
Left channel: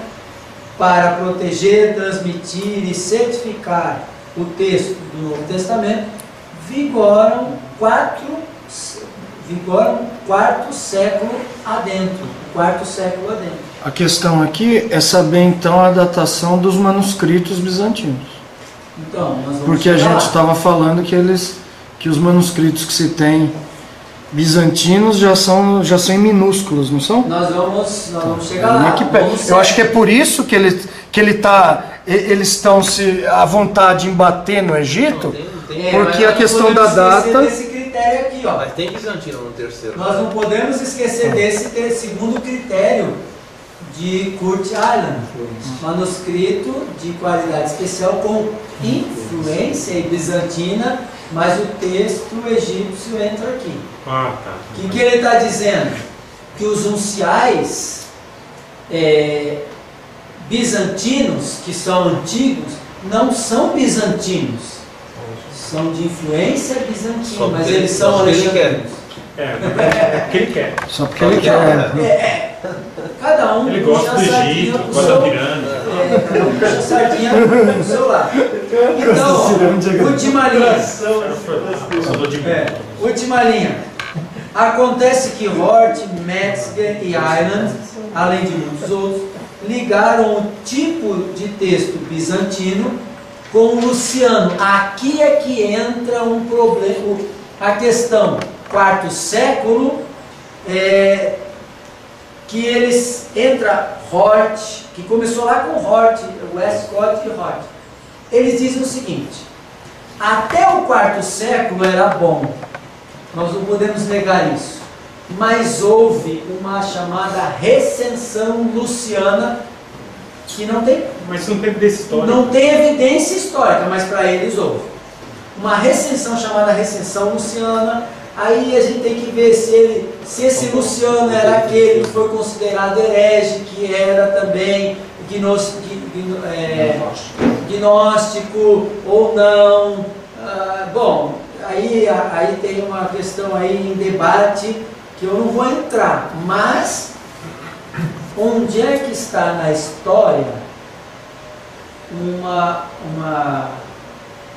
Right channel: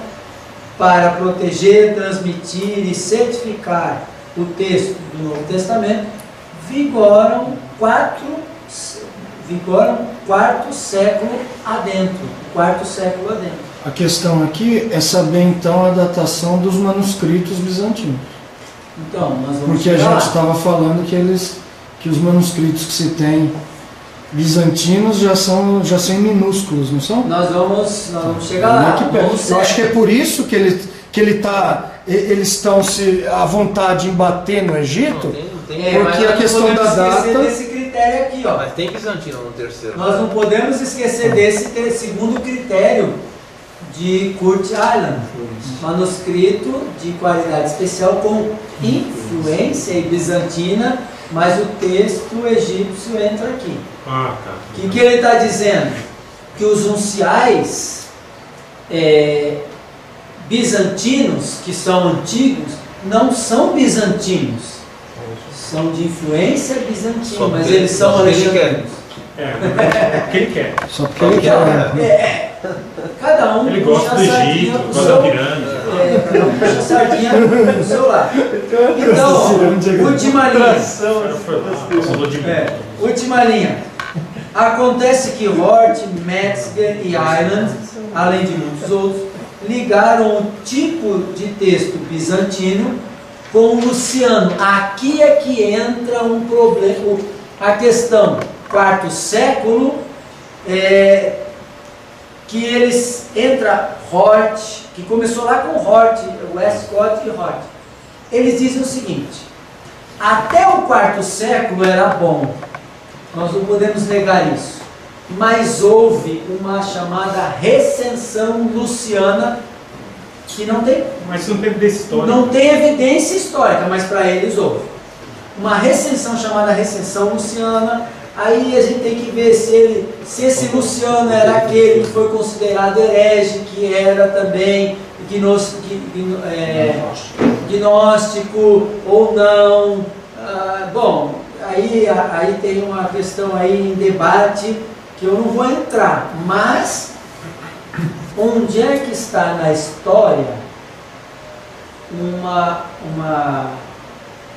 para proteger, transmitir e certificar o texto do Novo Testamento, vigoram quarto século adentro. A questão aqui é saber então a datação dos manuscritos bizantinos. Então, nós vamos porque a gente estava falando que os manuscritos que se tem bizantinos já são em minúsculos, não são? Nós vamos chegar lá. Eu acho que é por isso que eles estão à vontade em bater no Egito, porque a questão da data. Desse critério aqui, ó. Mas tem bizantino no terceiro. Nós não podemos esquecer desse segundo critério de Kurt Island, manuscrito de qualidade especial com influência bizantina, mas o texto egípcio entra aqui. Tá. O que ele está dizendo? Que os unciais bizantinos, que são antigos, não são bizantinos, são de influência bizantina, mas eles são alexandrinos. Porque ele quer. Só porque ele quer. Cada um ele gosta do Egito, gosta da pirâmide. Cada um puxa a sardinha pro seu lado. Então, última linha. Última linha. Acontece que Hort, Metzger e Ireland, além de muitos outros, ligaram o tipo de texto bizantino com o Luciano. Aqui é que entra um problema. A questão quarto século, que eles entra Hort, que começou lá com Hort, Westcott e Hort. Eles dizem o seguinte: até o quarto século era bom, nós não podemos negar isso, mas houve uma chamada recensão luciana que não tem. Mas não tem evidência histórica. Não tem evidência histórica, mas para eles houve uma recensão chamada recensão luciana. Aí a gente tem que ver se esse Luciano era aquele que foi considerado herege, que era também gnóstico ou não. Bom, aí tem uma questão aí em debate que eu não vou entrar, mas onde é que está na história uma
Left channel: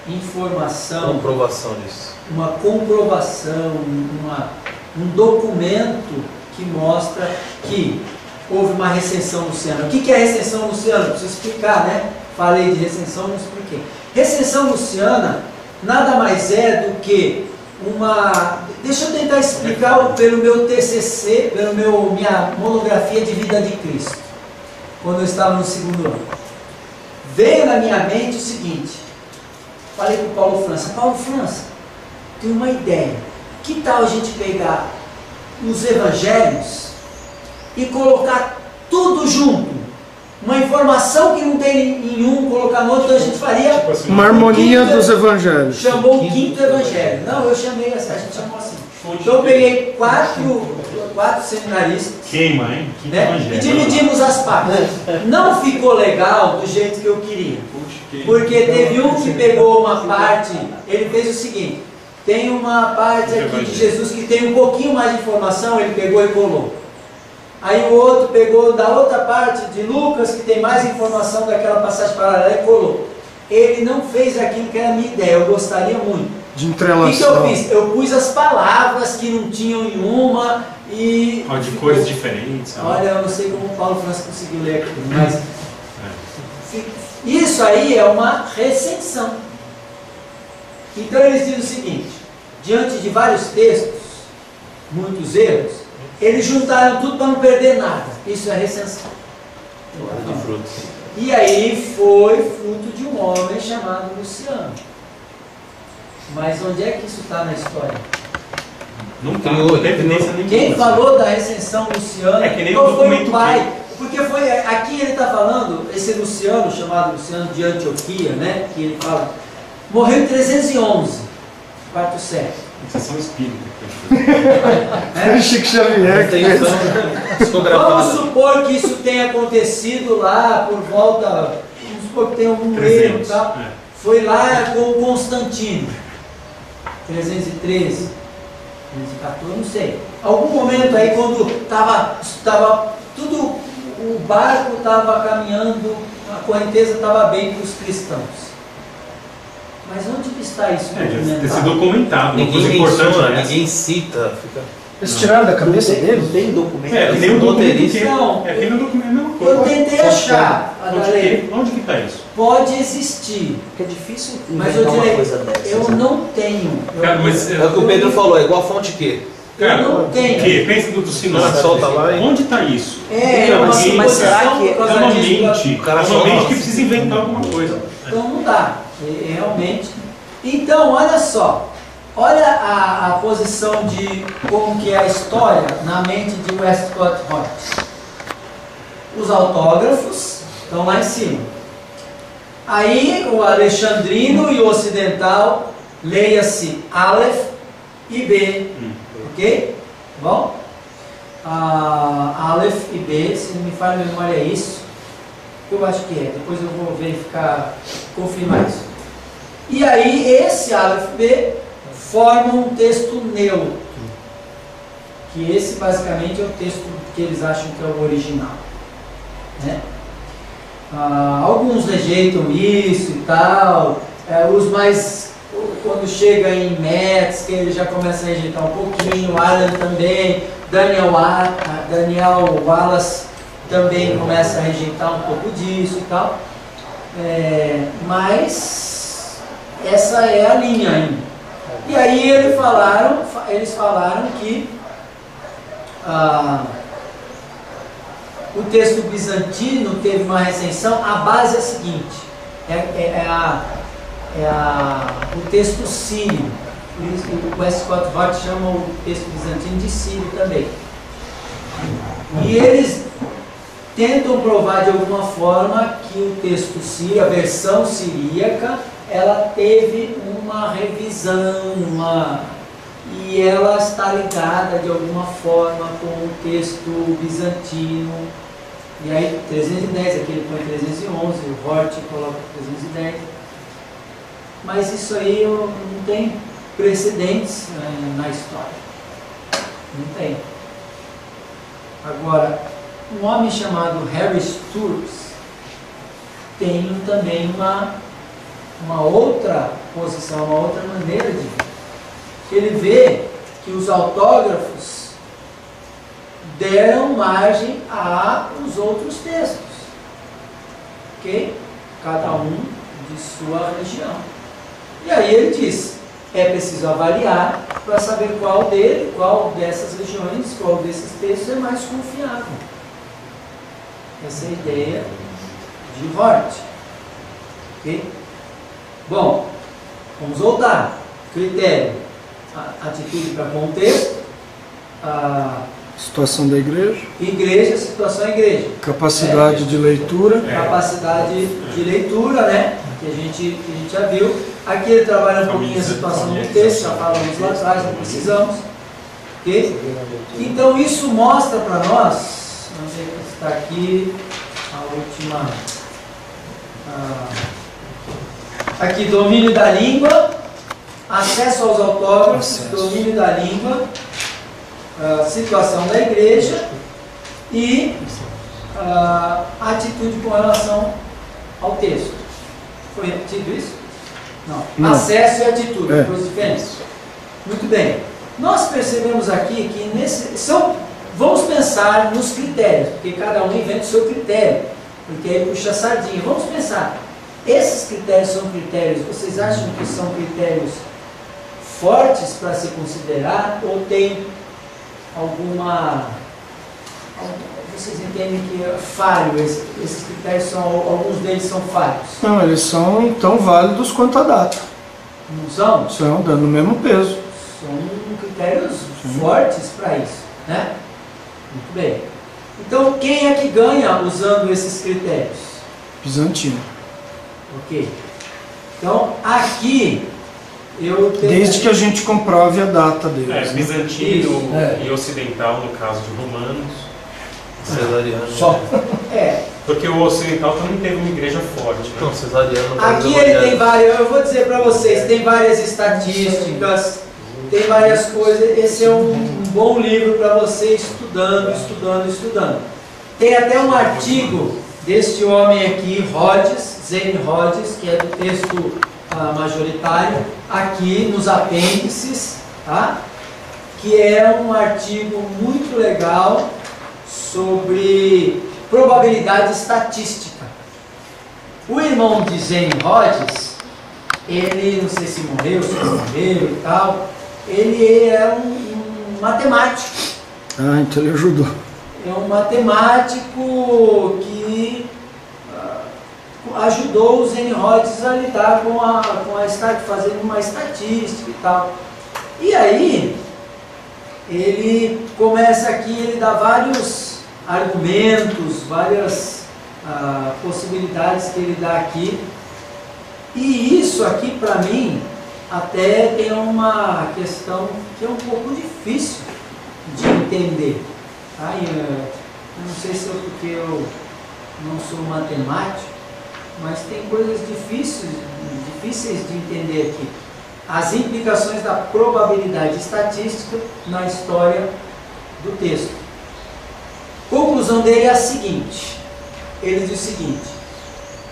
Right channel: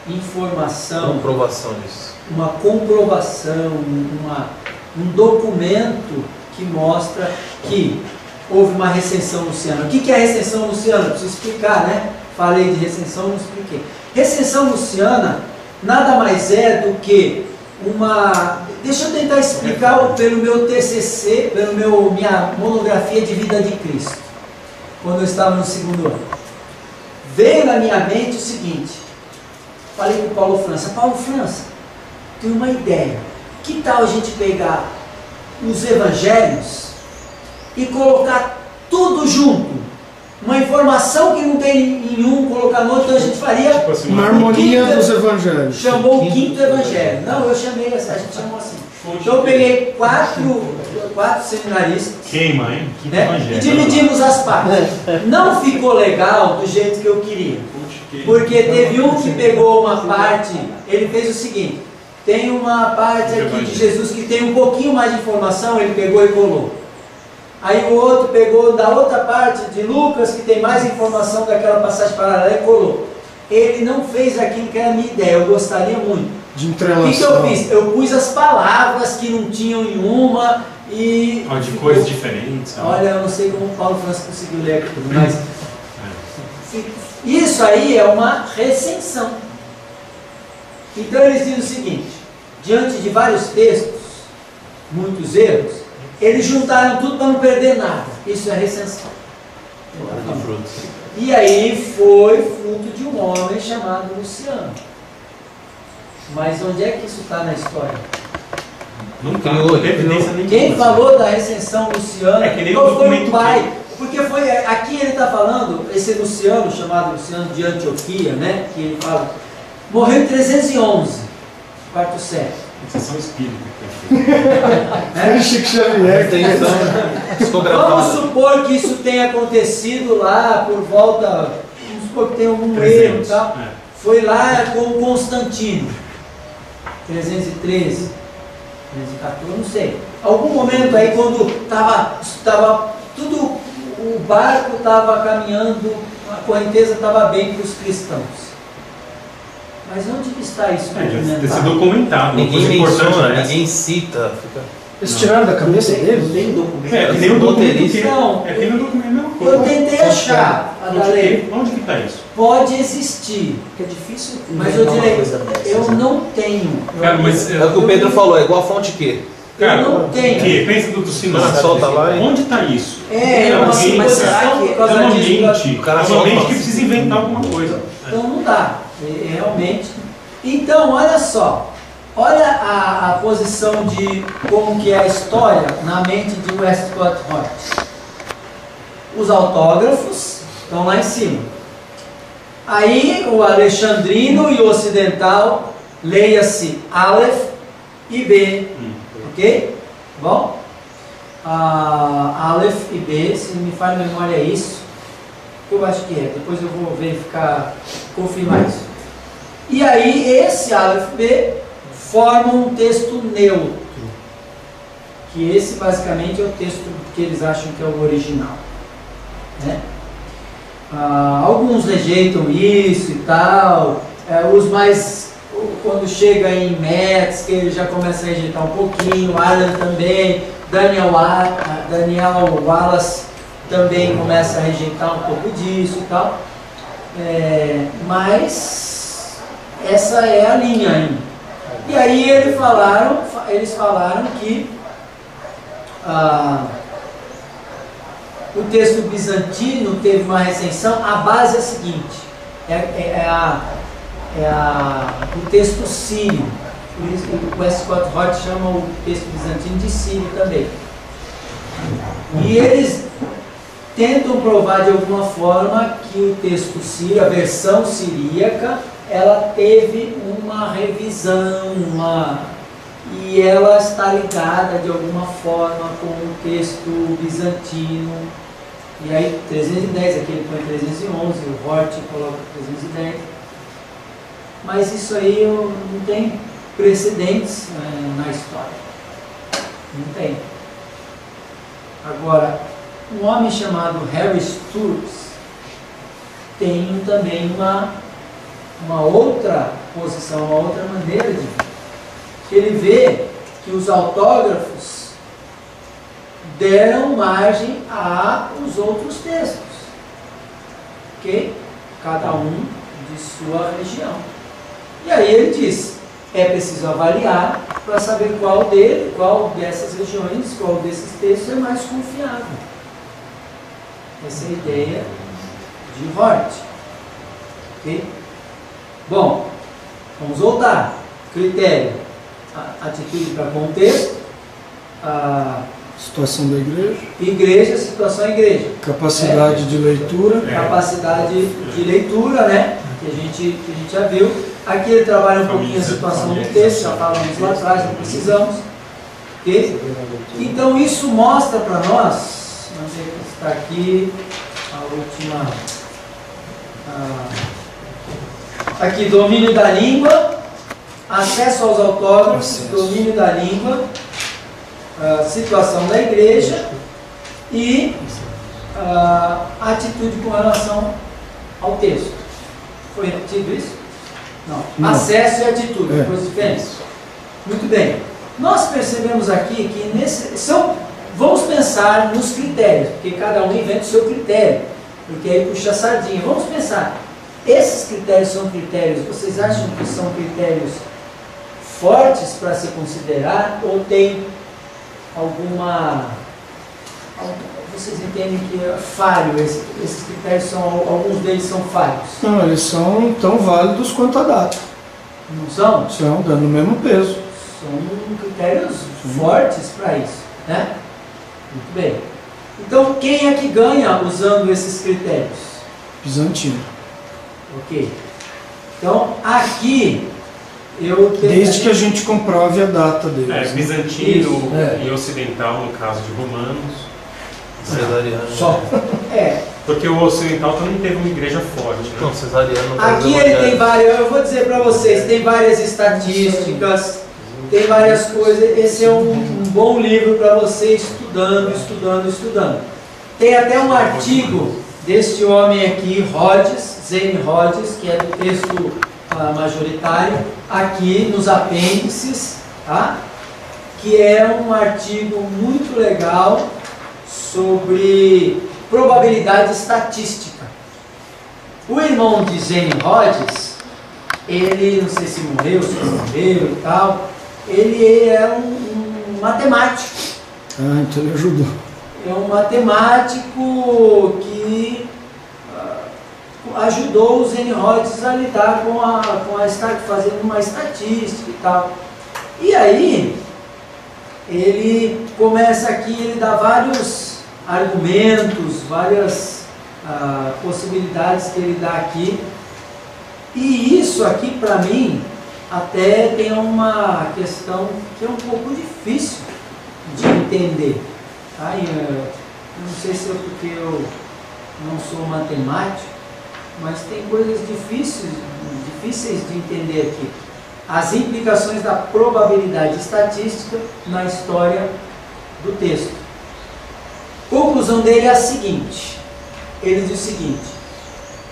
informação, comprovação disso, uma comprovação, um documento que mostra que houve uma recensão luciana? O que é a recensão luciana? Preciso explicar, né? Falei de recensão, não expliquei. Recensão luciana nada mais é do que uma... Deixa eu tentar explicar pelo meu TCC, minha monografia de vida de Cristo, quando eu estava no 2º ano. Veio na minha mente o seguinte, falei com o Paulo França: Paulo França, tenho uma ideia, que tal a gente pegar os evangelhos e colocar tudo junto? Uma informação que não tem em um, colocar no outro, então a gente faria... Tipo assim, uma harmonia dos evangelhos. Chamou o 5º evangelho. Não, eu chamei, a gente chamou assim. Então eu peguei quatro seminaristas. Queima, hein? Né? E dividimos as partes. Não ficou legal do jeito que eu queria. Porque teve um que pegou uma parte, ele fez o seguinte: tem uma parte aqui de Jesus que tem um pouquinho mais de informação, ele pegou e colou. Aí o outro pegou da outra parte de Lucas, que tem mais informação daquela passagem paralela, e colou. Ele não fez aquilo que era a minha ideia, eu gostaria muito. De entrelaçar. O que eu fiz? Eu pus as palavras que não tinham em uma e... de cores diferentes. Olha, eu não sei como o Paulo França conseguiu ler aquilo, mas... Isso aí é uma recensão. Então eles dizem o seguinte: diante de vários textos, muitos erros, eles juntaram tudo para não perder nada. Isso é recensão. E aí foi fruto de um homem chamado Luciano. Mas onde é que isso está na história? Não tem evidência nenhuma. Quem falou da recensão Luciana? É que nem qual o foi documento o pai? Porque foi aqui ele está falando, esse Luciano, chamado Luciano de Antioquia, né? Que ele fala, morreu em 311, quarto século. Sessão espírita. Chico Xavier. Vamos supor que isso tenha acontecido lá por volta, vamos supor que tem algum 300, erro e tal. Foi lá com Constantino, 313, 314, não sei. Algum momento aí quando estava tudo, o barco estava caminhando, a correnteza estava bem para os cristãos. Mas onde que está isso documentado? Tem sido documentado. Ninguém menciona, ninguém cita. Eles tiraram da cabeça dele? Não tem documento. É que nem o documento. Não, é que nem o documento, é a mesma coisa. eu tentei achar a lei. Onde que está isso? Pode existir, Porque é difícil mas eu inventar uma direi, coisa dessas. eu né? não tenho. Cara, mas, É o que o Pedro falou, é igual a fonte quê? Cara, eu não tenho. O quê? Pensa do sinal. Solta lá, hein? Onde está isso? É uma Alguém- mas será suposição que por É causa uma disso. mente. O cara É fala, uma mente nossa. que precisa inventar alguma coisa. Então não dá, realmente. Então, olha só, olha a posição de como que é a história na mente de Westcott Hort. Os autógrafos estão lá em cima. Aí o alexandrino e o ocidental, leia-se Aleph e B, ok? Bom? Aleph e B, se não me falha a memória é isso. Eu acho que é, depois eu vou verificar, confirmar isso. E aí esse Aleph B forma um texto neutro, que esse basicamente é o texto que eles acham que é o original, né? Alguns rejeitam isso e tal, os mais, quando chega em Metz, que ele já começa a rejeitar um pouquinho, Allen também, Daniel Wallace também começa a rejeitar um pouco disso e tal, mas essa é a linha ainda. E aí eles falaram que o texto bizantino teve uma recensão. A base é a seguinte: o texto sírio. Por isso que o Westcott Hort chama o texto bizantino de sírio também. E eles tentam provar de alguma forma que o texto sírio, a versão siríaca, ela teve uma revisão, e ela está ligada de alguma forma com o texto bizantino, E aí 310, aqui ele põe 311, o Hort coloca 310. Mas isso aí não tem precedentes na história. Não tem. Agora, um homem chamado Harry Sturz tem também uma outra posição, uma outra maneira de ver. Ele vê que os autógrafos deram margem aos outros textos, ok? Cada um de sua região. E aí ele diz, é preciso avaliar para saber qual dessas regiões, qual desses textos é mais confiável. Essa é a ideia de Hort. Ok? Bom, vamos voltar. Critério, atitude para contexto, situação da igreja, situação da igreja. Capacidade de leitura. Capacidade de leitura, né? Que a gente já viu. Aqui ele trabalha um pouquinho a situação do texto, já falamos lá atrás, não precisamos. Okay? Então isso mostra para nós, vamos ver que está aqui, a última. Aqui, domínio da língua, acesso aos autógrafos, domínio da língua, situação da igreja e atitude com relação ao texto. Foi repetido isso? Não. Acesso e atitude, coisas diferentes. Muito bem. Nós percebemos aqui que vamos pensar nos critérios, porque cada um inventa o seu critério, porque aí puxa a sardinha. Vamos pensar, esses critérios são critérios, vocês acham que são critérios fortes para se considerar, ou tem vocês entendem que é falho, esses critérios alguns deles são falhos? Não, eles são tão válidos quanto a data. Não são? São, dando o mesmo peso. São critérios fortes para isso, né? Muito bem. Então, quem é que ganha usando esses critérios? Bizantino. Ok. Então, aqui desde que a gente comprove a data deles. Bizantino e ocidental, no caso de romanos. Cesariano. Só. Porque o ocidental também teve uma igreja forte, né? Não, cesariano. Aqui ele tem várias, eu vou dizer para vocês, tem várias estatísticas, tem várias coisas. Esse é um bom livro para você estudando. Tem até um artigo deste homem aqui, Zane Rhodes, que é do texto majoritário, aqui nos apêndices, tá? Que é um artigo muito legal sobre probabilidade estatística. O irmão de Zane Rhodes, ele, não sei se morreu e tal, ele é um matemático. Então ele ajudou. É um matemático que ajudou o Zane Rhodes a lidar fazendo uma estatística e tal. E aí, ele começa aqui, ele dá vários argumentos, várias possibilidades que ele dá aqui. E isso aqui, para mim, até tem uma questão que é um pouco difícil de entender. Tá? Eu não sei se é porque eu não sou matemático, mas tem coisas difíceis de entender aqui. As implicações da probabilidade estatística na história do texto. Conclusão dele é a seguinte, ele diz o seguinte:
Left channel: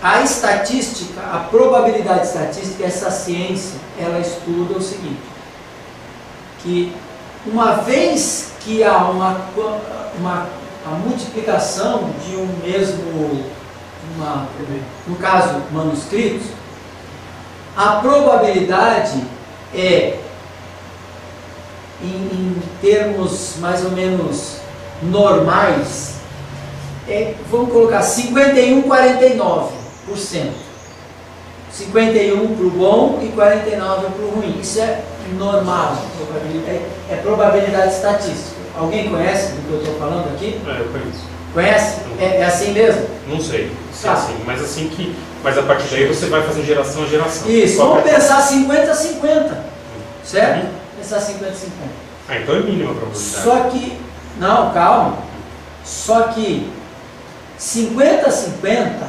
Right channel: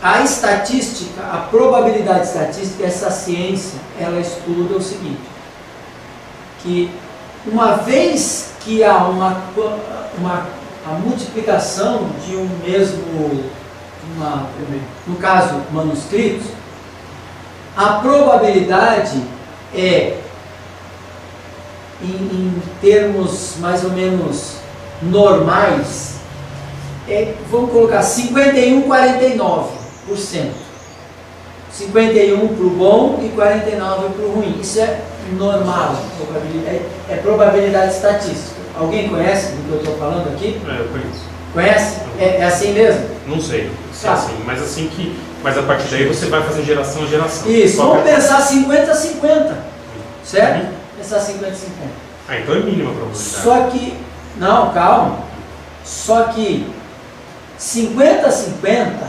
a estatística, a probabilidade estatística, essa ciência, ela estuda o seguinte, que uma vez que há a multiplicação de um mesmo, no caso, manuscritos, a probabilidade é, em termos mais ou menos normais, vamos colocar 51-49%. 51 para o bom e 49 para o ruim. Isso é normal, é probabilidade estatística. Alguém conhece do que eu estou falando aqui? Eu conheço. Conhece? É assim mesmo? Não sei se é assim, mas a partir daí você vai fazer geração a geração. Isso, vamos pensar 50-50, certo? Pensar 50-50. Então é mínima a probabilidade. Só que, não, calma, só que 50-50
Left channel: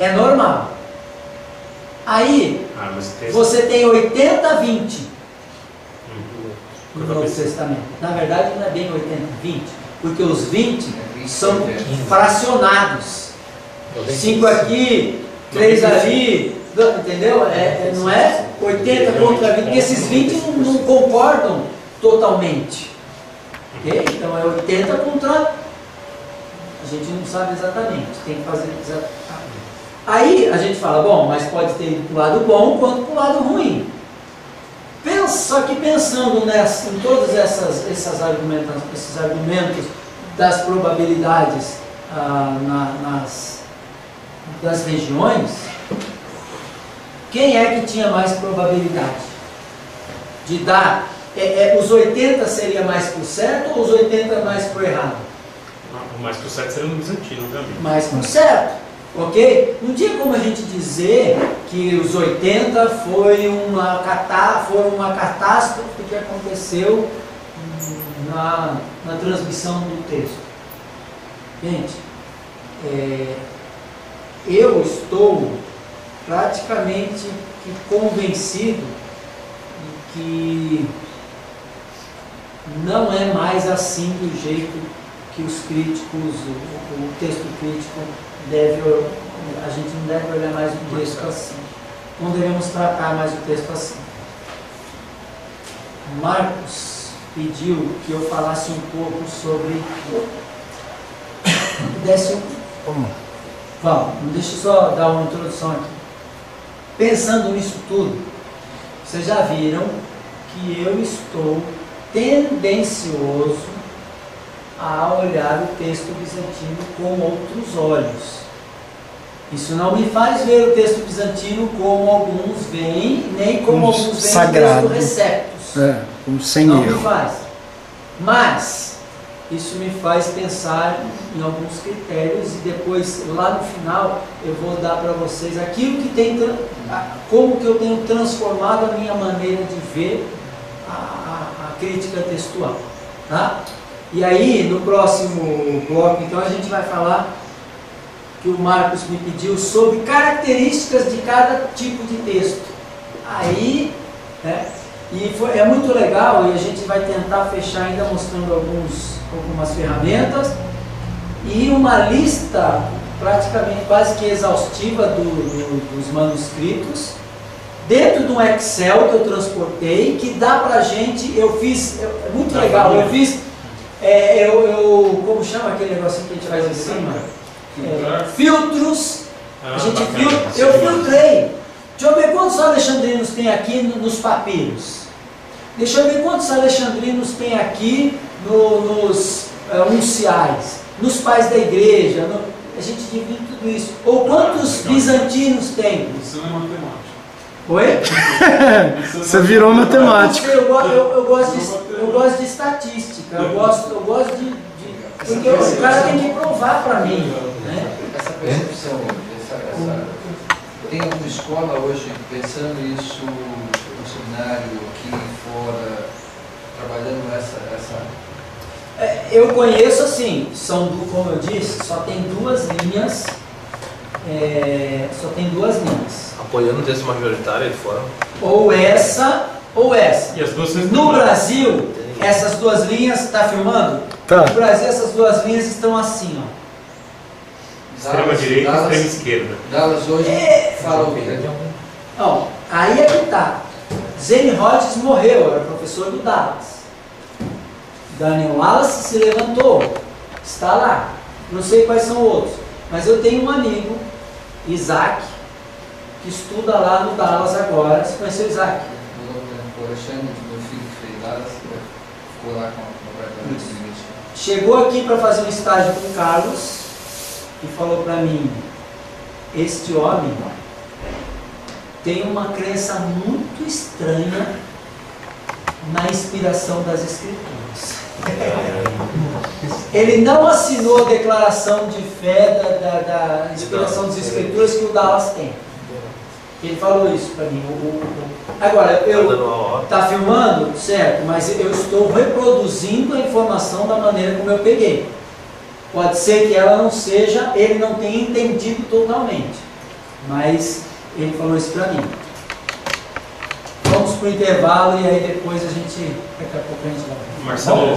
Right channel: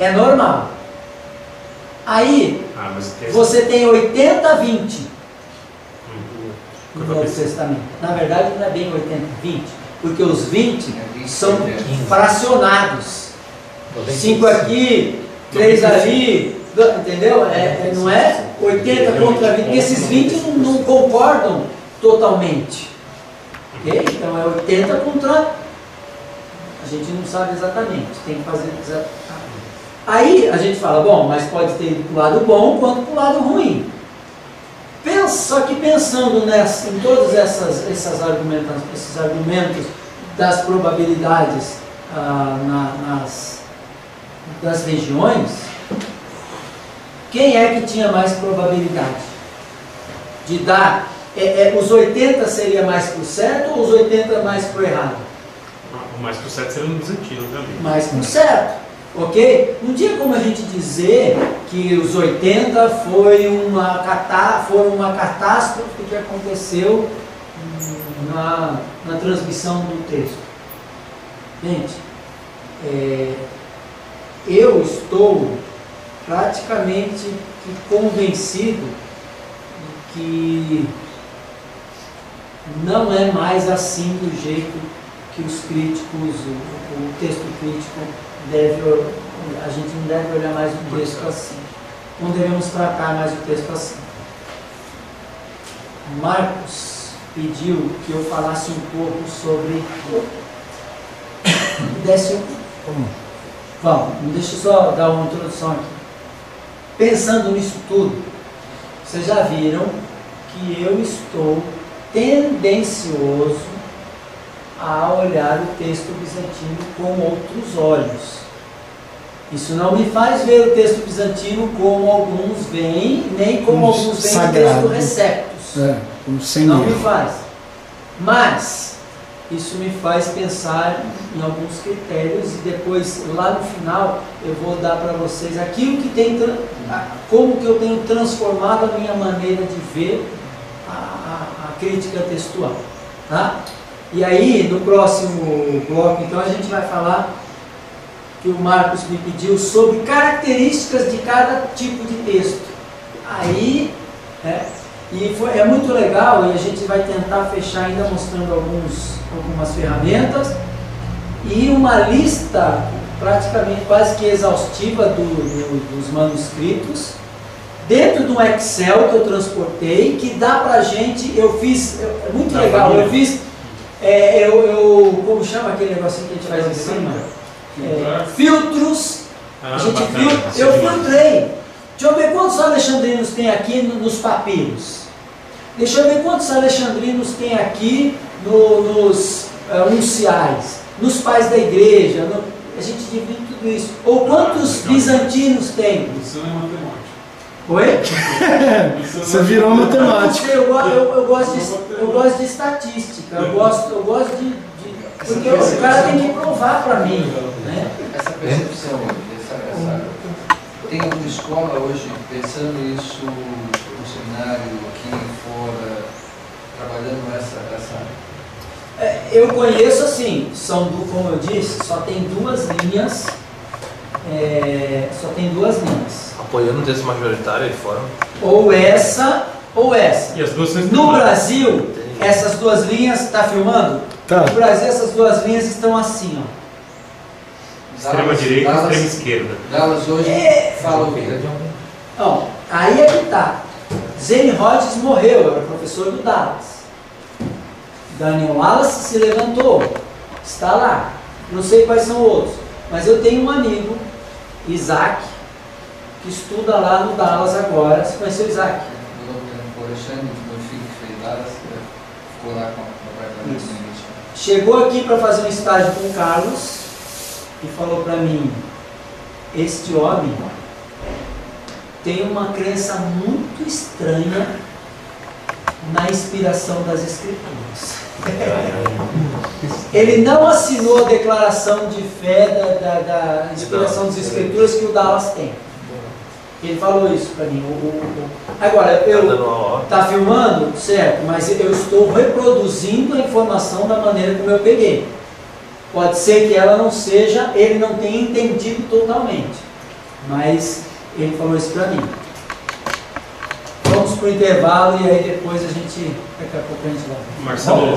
é normal. Aí, você tem 80-20 no Novo Testamento. Na verdade, não é bem 80-20, porque os 20 são fracionados. 5 aqui, 3 ali, entendeu? Não é 80 contra 20, porque esses 20 não concordam totalmente. Okay? Então é 80 contra... A gente não sabe exatamente, tem que fazer exatamente. Aí a gente fala, bom, mas pode ter ido para o lado bom quanto para o lado ruim. Só que pensando em todos esses argumentos das probabilidades das regiões, quem é que tinha mais probabilidade de dar? Os 80 seria mais para o certo ou os 80 mais para o errado? O mais para o certo seria no bizantino também. Mais para o certo, ok? Não tinha como a gente dizer que os 80 foram uma catástrofe que aconteceu na transmissão do texto. Gente, eu estou praticamente convencido de que não é mais assim do jeito que os críticos, o texto crítico a gente não deve olhar mais o texto assim. Não devemos tratar mais o texto assim. Marcos pediu que eu falasse um pouco sobre... Vamos, deixa eu só dar uma introdução aqui. Pensando nisso tudo, vocês já viram que eu estou tendencioso a olhar o texto bizantino com outros olhos. Isso não me faz ver o texto bizantino como alguns veem, nem como alguns veem o texto receptus. Como sem não erro. Me faz. Mas isso me faz pensar em alguns critérios e depois, lá no final, eu vou dar para vocês aquilo que tem, como que eu tenho transformado a minha maneira de ver a crítica textual. Tá? E aí, no próximo bloco, então, a gente vai falar que o Marcos me pediu sobre características de cada tipo de texto. Aí, é muito legal e a gente vai tentar fechar ainda mostrando algumas ferramentas e uma lista praticamente quase que exaustiva dos manuscritos dentro de um Excel que eu transportei, que dá pra gente, é muito legal, eu fiz, como chama aquele negocinho que a gente faz em cima? Filtros, eu filtrei. Deixa eu ver quantos alexandrinos tem aqui nos papiros. Deixa eu ver quantos alexandrinos tem aqui nos unciais, nos pais da igreja. A gente divide tudo isso. Ou quantos bizantinos tem? Isso não é matemática. Oi? Você virou matemático. Eu gosto de estatística. Eu gosto de porque o cara tem que provar para mim. Né? Essa percepção, tem alguma escola hoje pensando isso no seminário, aqui fora, trabalhando essa... Eu conheço assim, como eu disse, só tem duas linhas. Apoiando o texto majoritário aí fora. Ou essa, ou essa. E as duas no Brasil, essas duas linhas, está filmando? Tá. No Brasil, essas duas linhas estão assim, ó. Extrema direita e extrema esquerda. Dallas hoje fala o quê? Não, aí é que tá. Zane Hodges morreu, era professor do Dallas. Daniel Wallace se levantou, está lá. Não sei quais são outros, mas eu tenho um amigo, Isaac, que estuda lá no Dallas agora. Você conheceu o Isaac? O Alexandre, meu filho que fez Dallas, ficou lá com o apartamento no início. Chegou aqui para fazer um estágio com o Carlos e falou para mim: este homem tem uma crença muito estranha na inspiração das Escrituras. Ele não assinou a declaração de fé da inspiração das Escrituras que o Dallas tem. Ele falou isso para mim. Agora, tá filmando, certo, mas eu estou reproduzindo a informação da maneira como eu peguei. Pode ser que ela não seja, ele não tenha entendido totalmente, mas ele falou isso para mim. Vamos para o intervalo e aí depois daqui a pouco a gente vai. Marcelo.